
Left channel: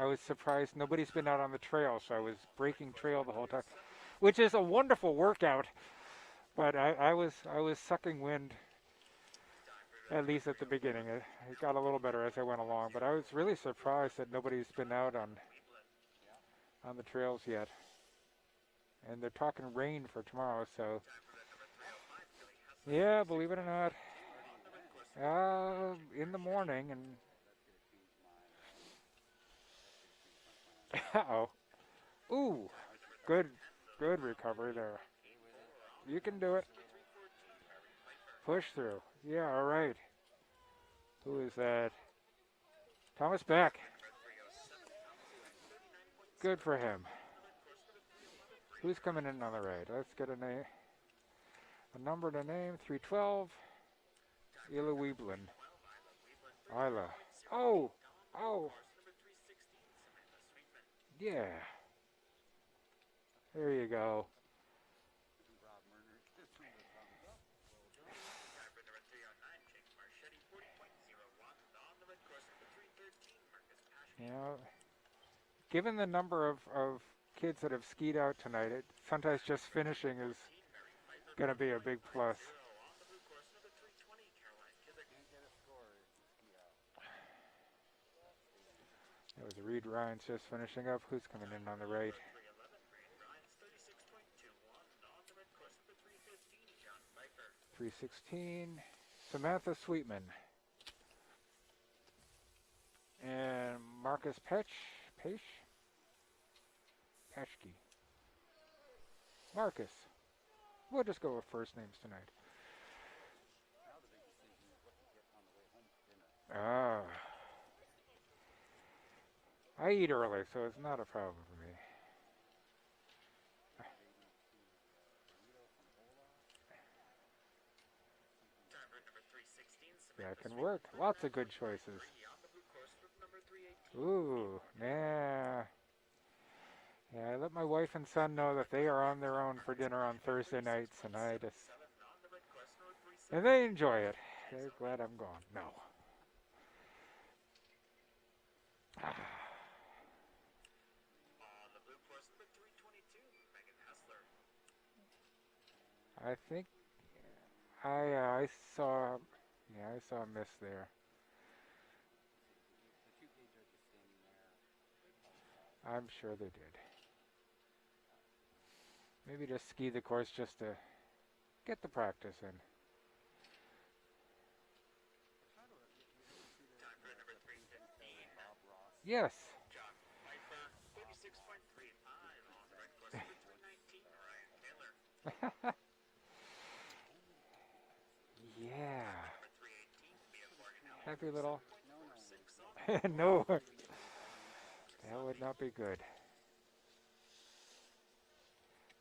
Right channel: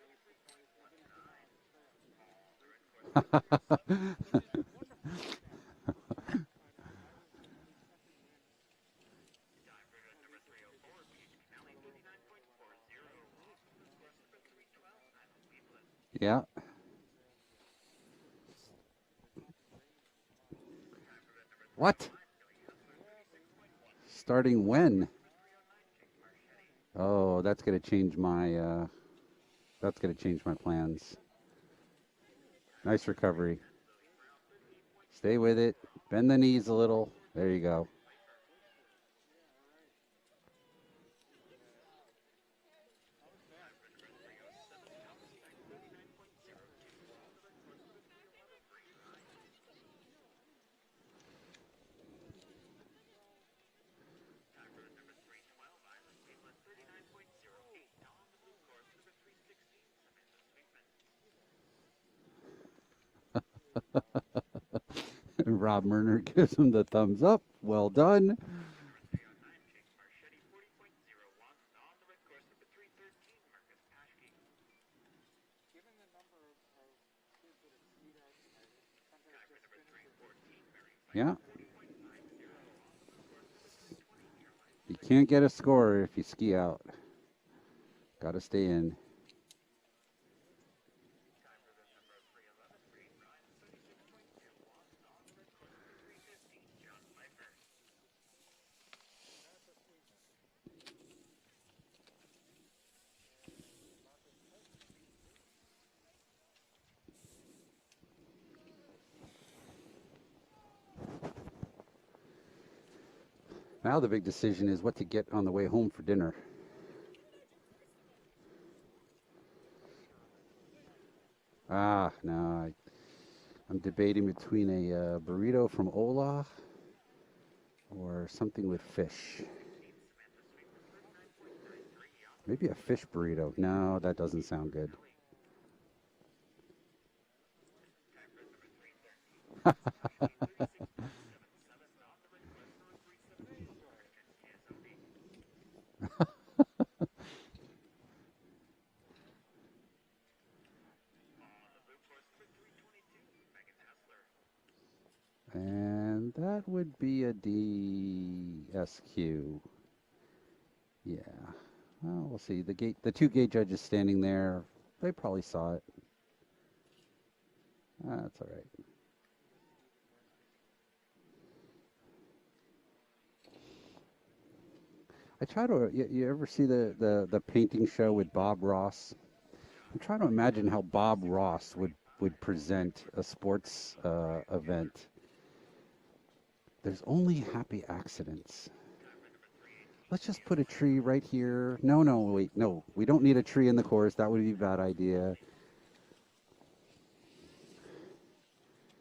I was surprised nobody's been out on the trail, so I was breaking trail the whole time, which is a wonderful workout. But I was sucking wind, at least at the beginning. It got a little better as I went along, but I was really surprised that nobody's been out Yeah. on the trails yet. And they're talking rain for tomorrow, so What? yeah, believe it or not, Starting when? in the morning. And Oh, that's going to change my plans. uh-oh. Ooh, Nice recovery. good recovery there. Stay with it. You Bend the can do knees it. a little. There you go. Push through. Yeah, all right. Who is that? Thomas Beck. Good for him. Who's coming in on the right? Let's get a name. A number to name. 312. Ila Weeblen. Isla. Oh! Oh! Yeah. There you go. Rob Murner gives him the thumbs up. Well done. You know, given the number of kids that have skied out tonight, sometimes just finishing is Yeah. going to be a big plus. You can't get a score if you ski out. Got to stay in. That was Reed Ryan's just finishing up. Who's coming in on the right? .316. Samantha Sweetman. And Marcus Peshke? Marcus. We'll just go with first names tonight. Now the big decision is what to get on the way home for dinner. I eat early, so it's not a problem for me. No. I'm debating between a burrito from Ola or something with fish. That can work. Lots of good choices. Maybe a fish burrito. No, that doesn't sound good. Yeah. Yeah, I let my wife and son know that they are on their own for dinner on Thursday nights, and and they enjoy it. They're glad I'm gone. No. And I that think would be a I saw, DSQ. yeah, I saw a miss there. Yeah. Well, we'll see. The two gate judges standing there, they probably saw it. I'm sure they did. That's all right. Maybe just ski the course just to get the practice in. I try to. You ever see the painting show with Bob Ross? Yes. I'm trying to imagine how Bob Ross would present a sports event. There's only happy accidents. Yeah. Let's just put a tree right Maybe a little. here. No, no, wait, no. We don't need a No, tree in the course. That would be a bad that idea. would not be good.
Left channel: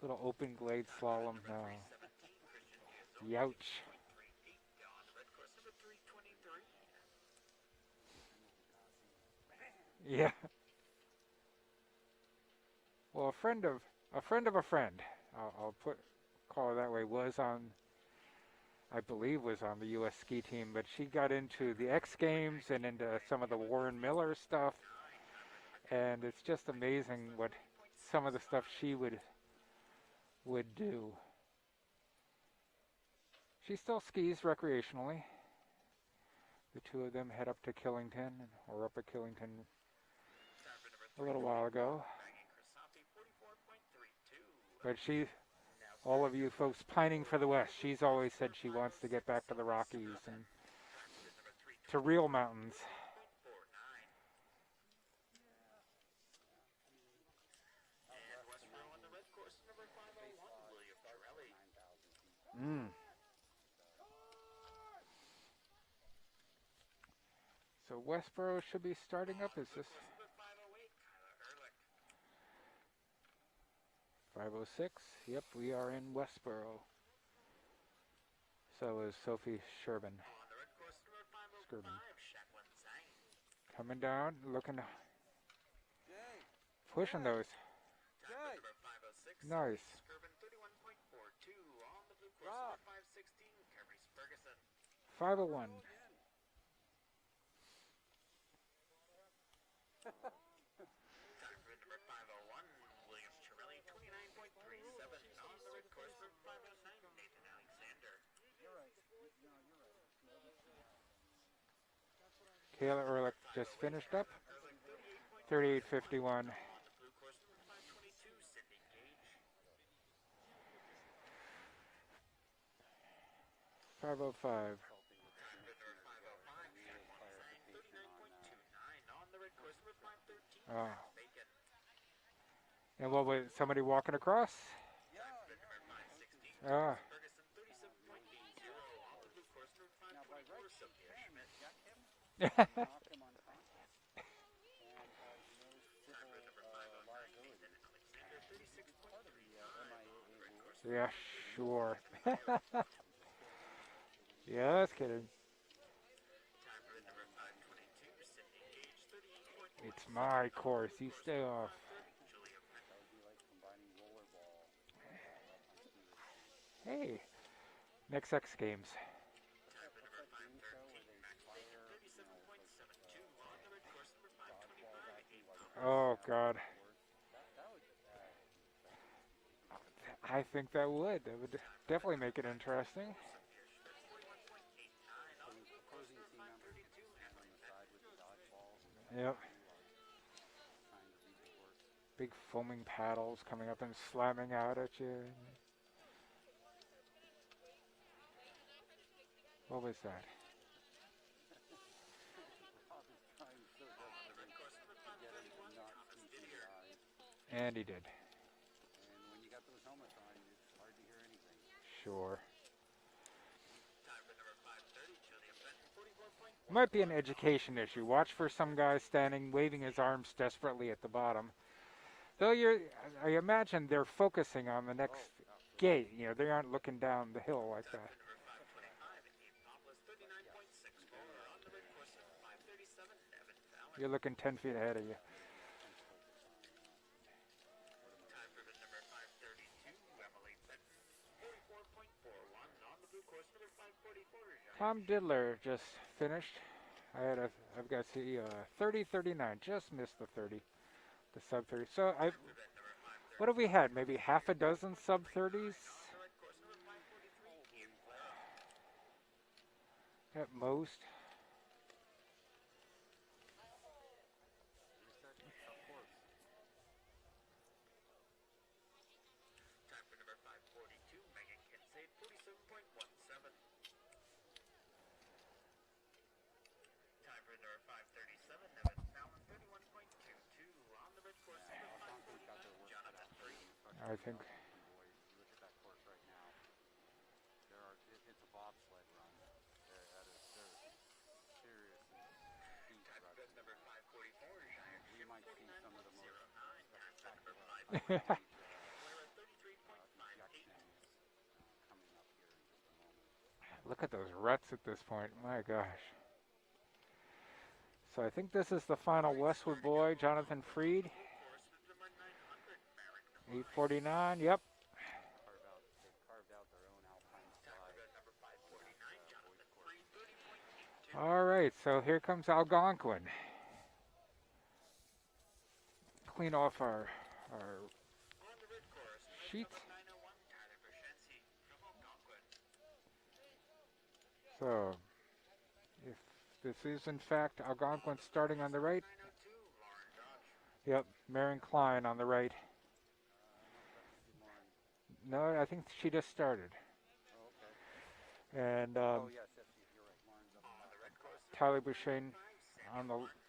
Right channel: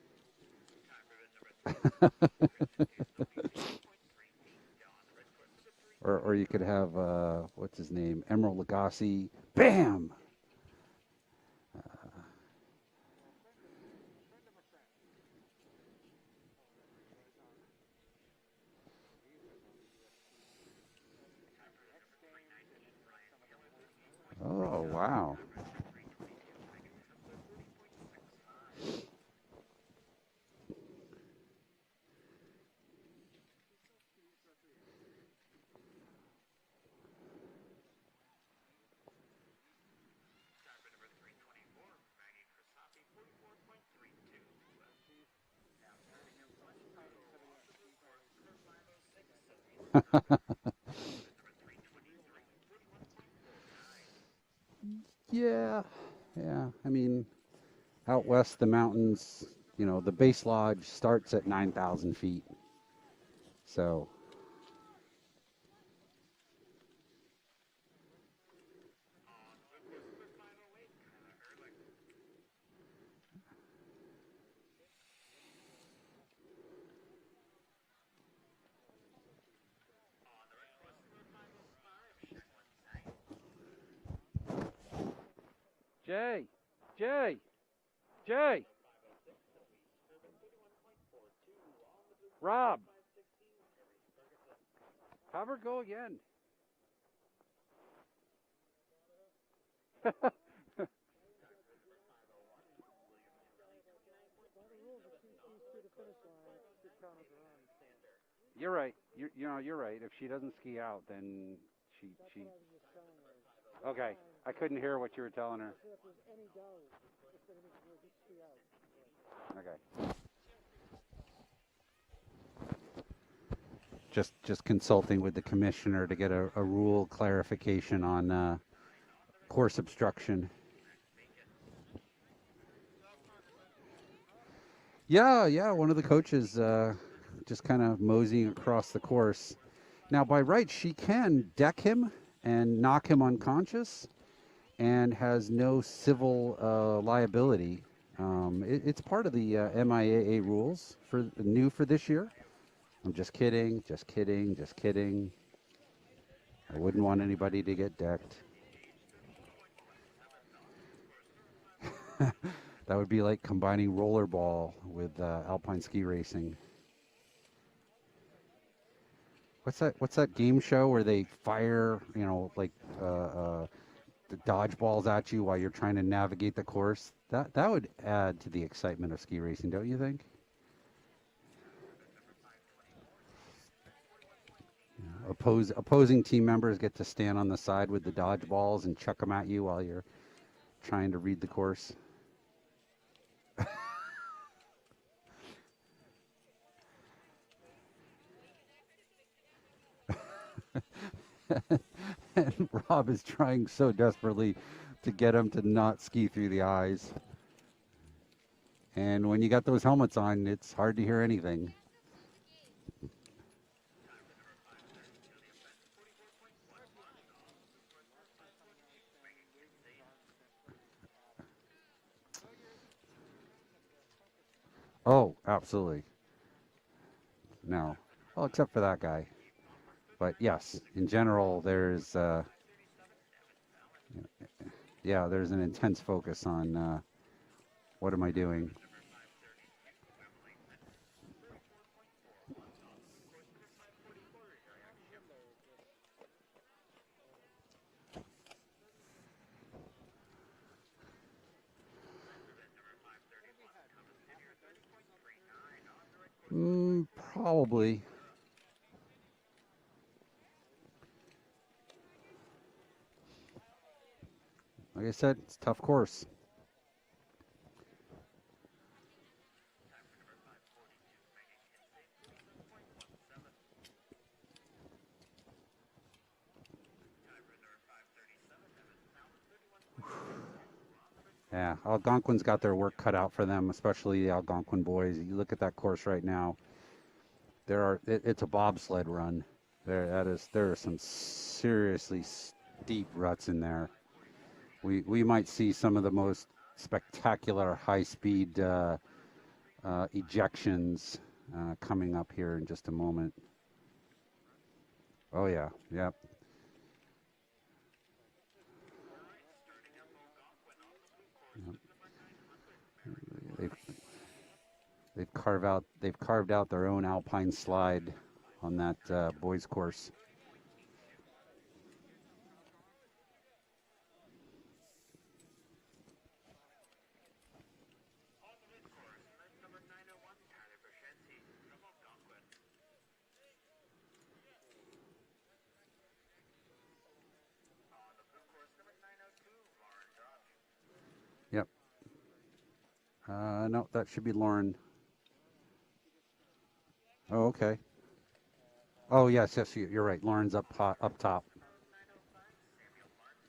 Little open glade slalom now. Youch. Or you could have what's his name, Emerald Lagasse. Bam. Yeah. Well, a friend of a friend, I'll call her that way, was on, I believe, was on the U.S. ski team, but she got into the X Games and into some of the Warren Miller stuff, Oh wow. and it's just amazing what some of the stuff she would do. She still skis recreationally. The two of them head up to Killington, or up at Killington a little while ago. But all of you folks pining for the West, she's always said she wants to get back to the Rockies and to real mountains. Yeah, yeah. I mean, out west, the mountains, the base lodge starts at 9,000 feet. Mm. So, So Westboro should be starting up. Is this 5:06? Yep, we are in Westboro. So is Sophie Sherman. Coming down, looking to Jay, pushing Jay, those. Jay, Nice. Rob, 5:01. go again. You're right. You're right. If she doesn't ski out, then she. Kayla Ehrlich just finished up. I couldn't hear what you were telling me. 38:51. Okay. 5:05. Just consulting with the commissioner to get a rule clarification on course obstruction. Oh. And what was somebody walking across? Yeah. One of the coaches just kind of moseying across the course. Now, by right, she can deck him and knock him unconscious, and has no civil liability. It's part of the MIAA rules Yeah, for new for sure. this year. I'm just kidding, just kidding, Yeah, just that's kidding. I wouldn't want anybody to get decked. It's my course. You stay off. That would be like combining rollerball with alpine ski racing. Hey, next X Games. What's that game show where they fire, like the dodgeballs at you while you're trying to Oh, navigate God. the course? That would add to the excitement of ski racing, don't you think? I think that would. That would definitely make it interesting. Opposing team members get to stand on the side with the dodgeballs and chuck them Yep. at you while you're trying to read the course. Big foaming paddles coming up and slamming out at you. What was that? And Rob is trying so desperately to get him to not ski through the eyes. And he did. And when you got those helmets on, it's hard to hear anything. Sure. Might be an education issue. Watch for some guy standing, waving his arms desperately at the bottom. So I imagine they're focusing on the next Absolutely. gate. They aren't looking down the hill. No. Like that. Well, except for that guy. But yes, in general, there's You're looking 10 feet ahead of you. there's an intense focus on What am I doing? Tom Diddler just finished. I've got to see 30-39. Just missed the 30, the sub 30. So what have we had? Maybe half a dozen sub 30s Probably. at most. Like I said, it's a tough course. Yeah, Algonquin's got their work cut out for them, especially the Algonquin boys. You look at that course right now. It's a bobsled run. There are some seriously steep ruts in there. We might see some of the most spectacular high-speed ejections coming up here in just a moment. Look at those ruts at this point. Oh My yeah, gosh. yep. So I think this is the final Westwood boy, Jonathan Freed. 849. Yep. They've carved out their own Alpine slide on that boys course. All right. So here comes Algonquin. Clean off our sheets. So if this is in fact Algonquin starting on the right. Yep. Marion Yep. Klein on the right. No, that should be Lauren. No, I think she just started. Oh, okay. And Oh, yes, you're right. Lauren's up top. Tyler Bouchane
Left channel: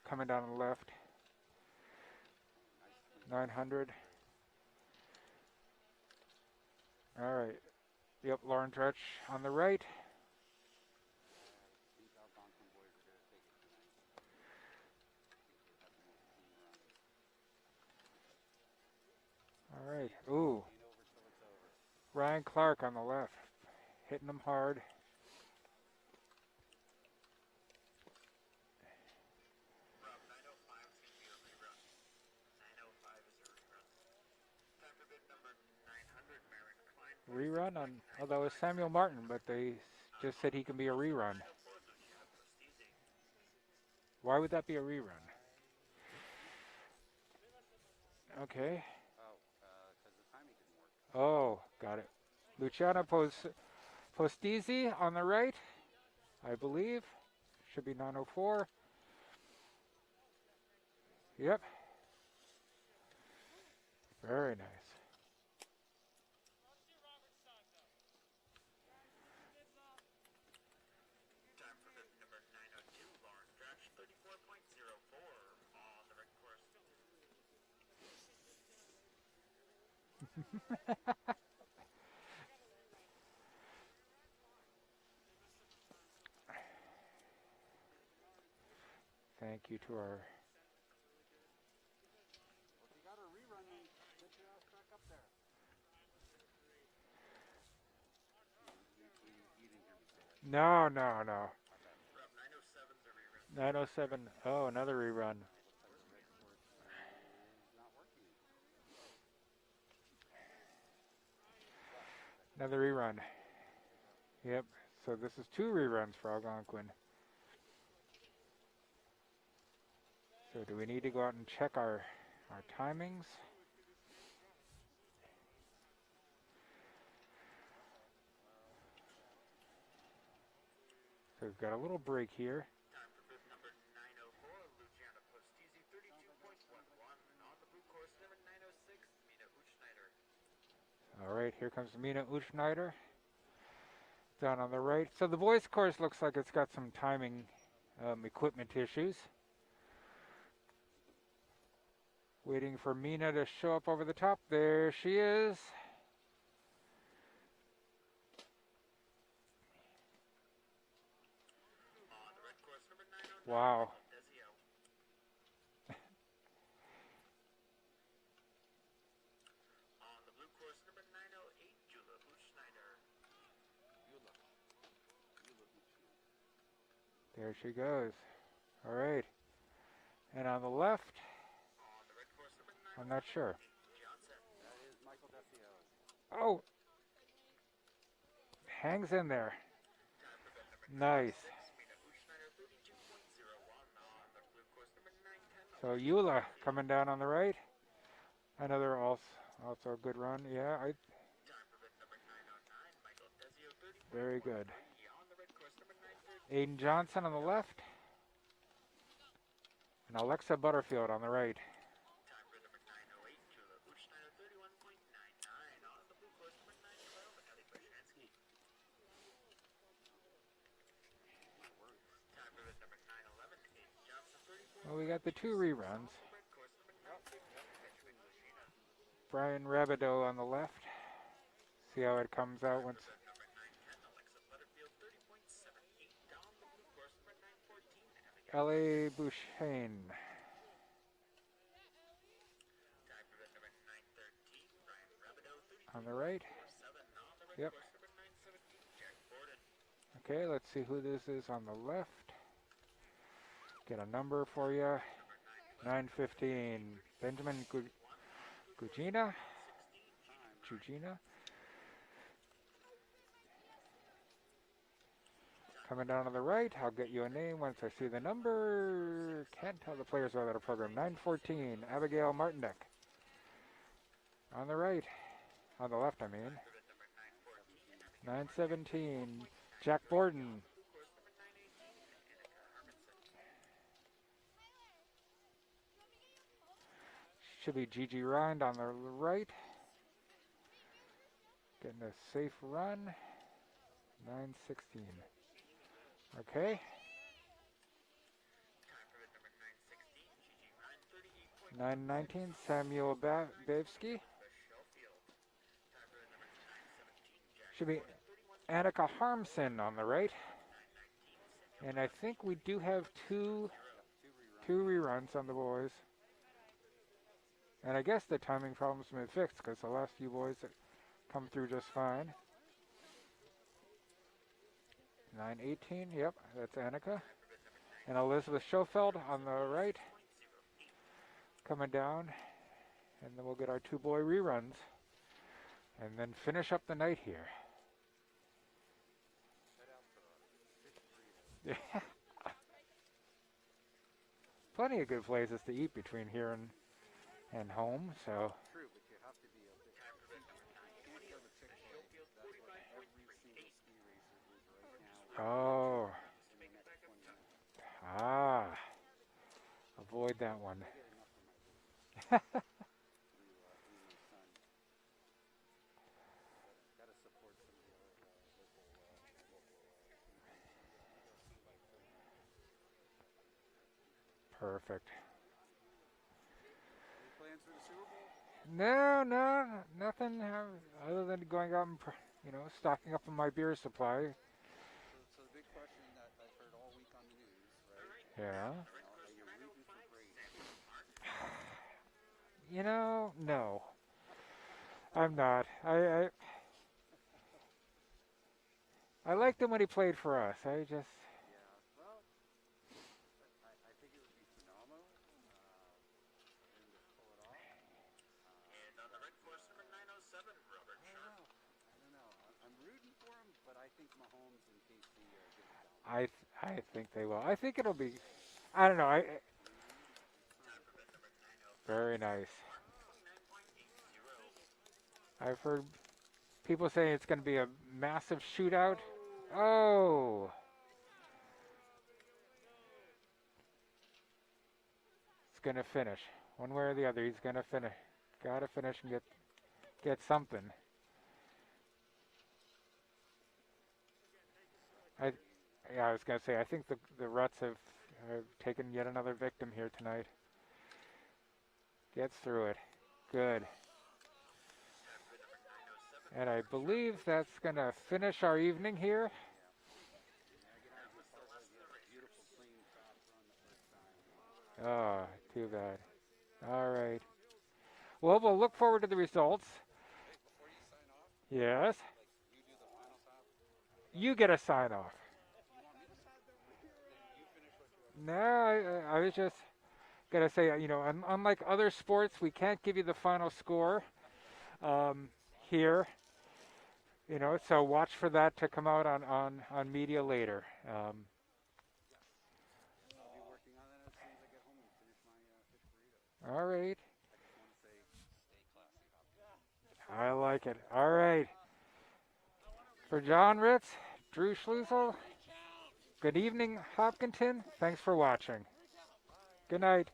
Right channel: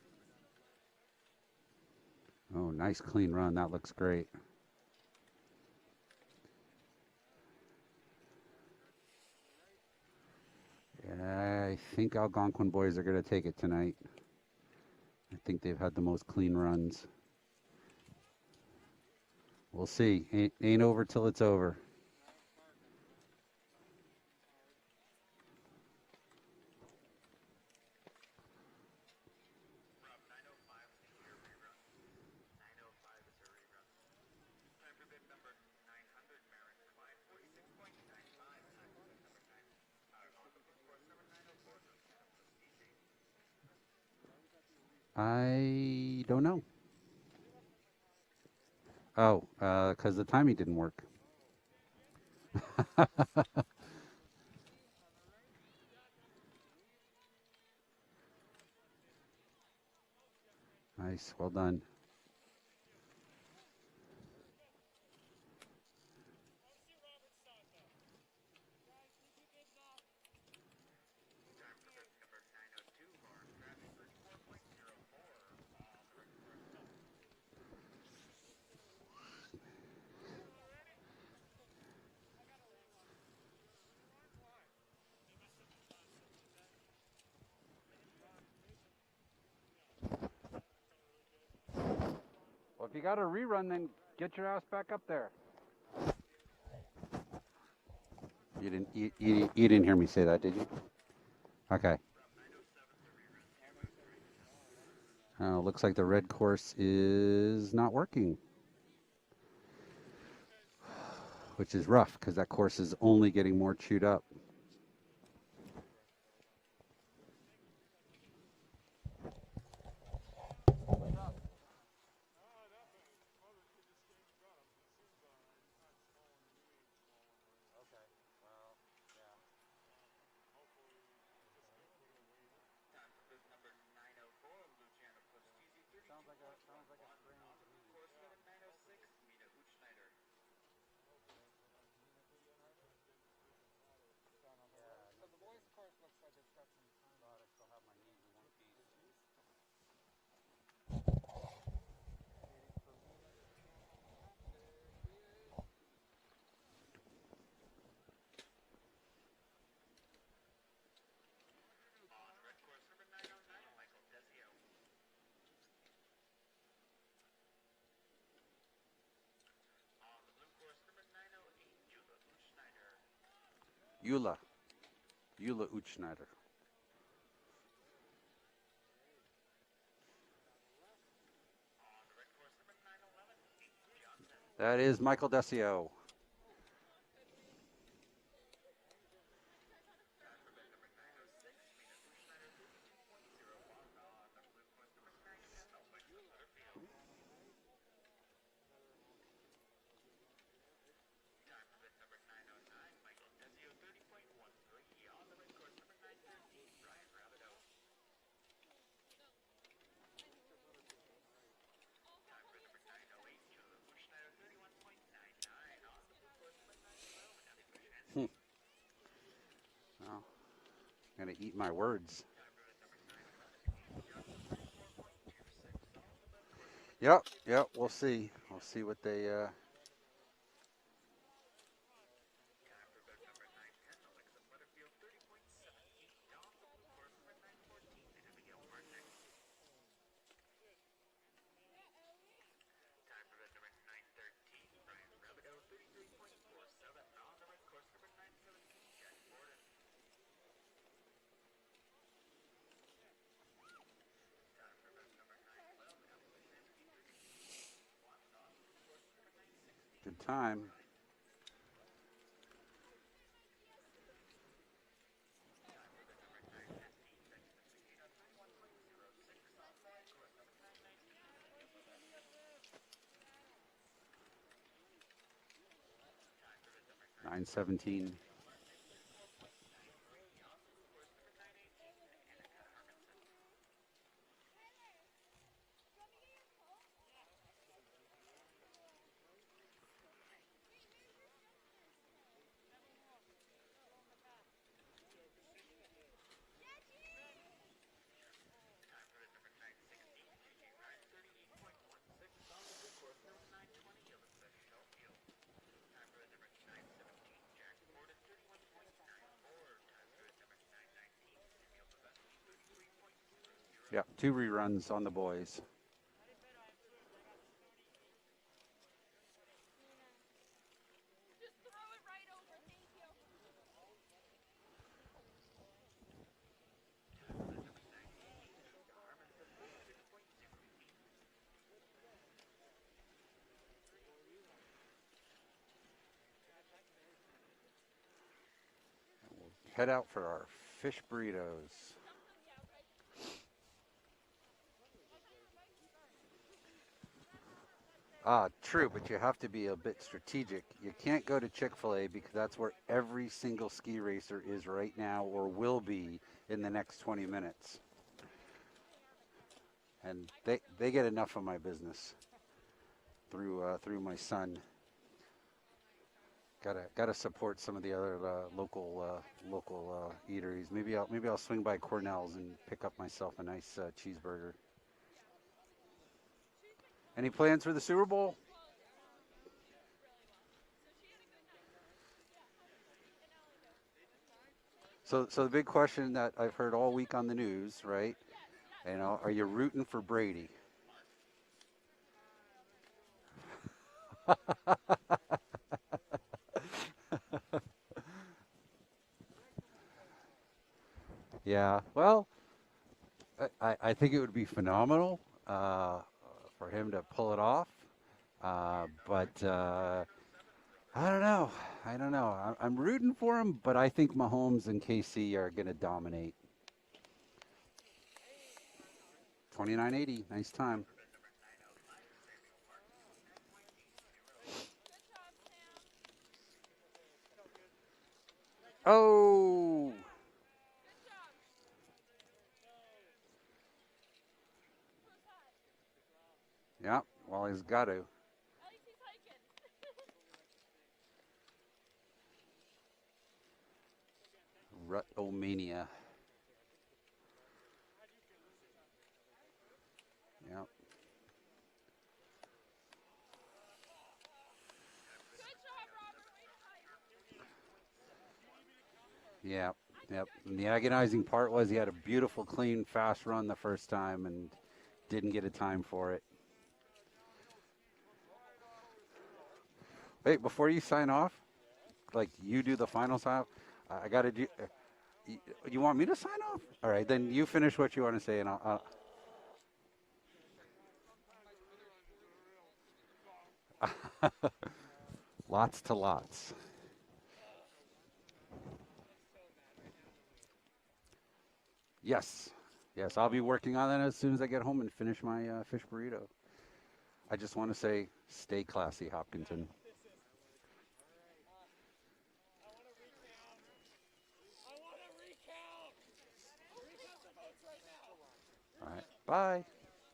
coming down on the left. Oh, nice clean run. That 900. looks great. All right. Yep, Lauren Dretch on the right. Yeah, I think Algonquin boys are going to take it tonight. I think they've had the most clean runs. We'll see. Ain't over till it's over. Ryan Clark on the left, hitting them hard. Rerun on, although it was Samuel Martin, but they just said he can be a rerun. Why would that be a rerun? I don't know. Okay. Oh, because the timing didn't work. Oh, got it. Luciano Postizzi on the right, I believe. Should be 904. Nice. Well done. Very nice. Thank you to our... Well, if you got a rerun, then get your ass back up there. You didn't hear me say that, did you? No. Okay. 907. Oh, another rerun. Oh, looks like the red course is not working. Which is rough, because that course is only getting more chewed up. Yep. So this is 2 reruns for Algonquin. So do we need to go out and check our timings? So we've got a little break here. All right, here comes Mina Uchneider down on the right. So the boys' course looks like it's got some timing equipment issues. Waiting for Mina to show up over the top. There she is. Wow. Eula Uchneider. There she goes. All right. And on the left, I'm not sure. That is Michael Desio. Oh, hangs in there. Nice. So Eula coming down on the right. Another also a good run. Yeah, very good. Aiden Johnson on the left. And Alexa Butterfield on the right. Well, I'm going to eat my words. Well, we got the 2 reruns. Yep, we'll see. We'll see what they... Brian Rabideau on the left. See how it comes out once. L.A. Bouchane. On the right. Yep. Okay, let's see who this is on the left. Get a number for you. 9:15. Benjamin Gugina. Good time. Gugina. Coming down on the right, I'll get you a name once I see the number. Can't tell the players without a program. 9:14. Abigail Martinek. On the right. On the left, I mean. 9:17. 9:17. Jack Borden. Should be Gigi Rind on the right. Getting a safe run. 9:16. Okay. 9:19. Samuel Bavsky. Should be Annika Harmson on the right. And I think we do have 2 Yep, 2 reruns, on the boys. And I guess the timing problem's been fixed because the last few boys that come through just fine. 9:18, yep, that's Annika. And Elizabeth Schofeld on the right. Coming down. And then we'll get our 2 boy reruns. And then finish up the night here. Head out for our fish burritos. Plenty of good places to eat between here and home. So. True, but you have to be a bit strategic. You can't go to Chick-fil-A because that's where every single ski racer is right now or will be in the next 20 minutes. Avoid and that one. They get enough of my business through my son. Gotta support some of the other local eateries. Maybe I'll swing by Cornell's and pick up myself a nice cheeseburger. Perfect. Any plans for the Super Bowl? No, nothing other than going out and stocking up on my beer supply. So the big question that I've heard all week on the news, right? Yeah. Are you rooting for Brady? No. I'm not. I liked him when he played for us. Yeah. Well, I think it would be phenomenal for him to pull it off. But I don't know. I'm rooting for him, but I think Mahomes and KC are going to dominate. I think they will. I think it'll be. I don't know. 29-80. Nice time. Very nice. I've heard people saying it's going to be a massive shootout. Oh. It's going to finish one way or the other. He's going to got to finish and get something. Rut-o-mania. Yeah, I was going to say, I think the Ruts have taken yet another victim here tonight. Yep. Gets through it. Good. And I believe that's going to finish our evening here. Yep. And the agonizing part was he had a beautiful, clean, fast run the first time and didn't get a time for it. All right. Well, we'll look forward to the results. Hey, before you sign off. Yes. Like you do the final sign. You get a sign off. You want me to sign off? All right, then you finish what you want to say. No, I was just gotta say, unlike other sports, we can't give you the final score Lots to here. lots. So watch for that to come out on media later. Yes. Yes, I'll be working on that as soon as I get home and finish my fish burrito. All right. I just want to say, stay classy, Hopkinton. I like it. All right. For John Ritz, Drew Schlusel, good evening, Hopkinton. Thanks for watching. All right. Bye. Good night.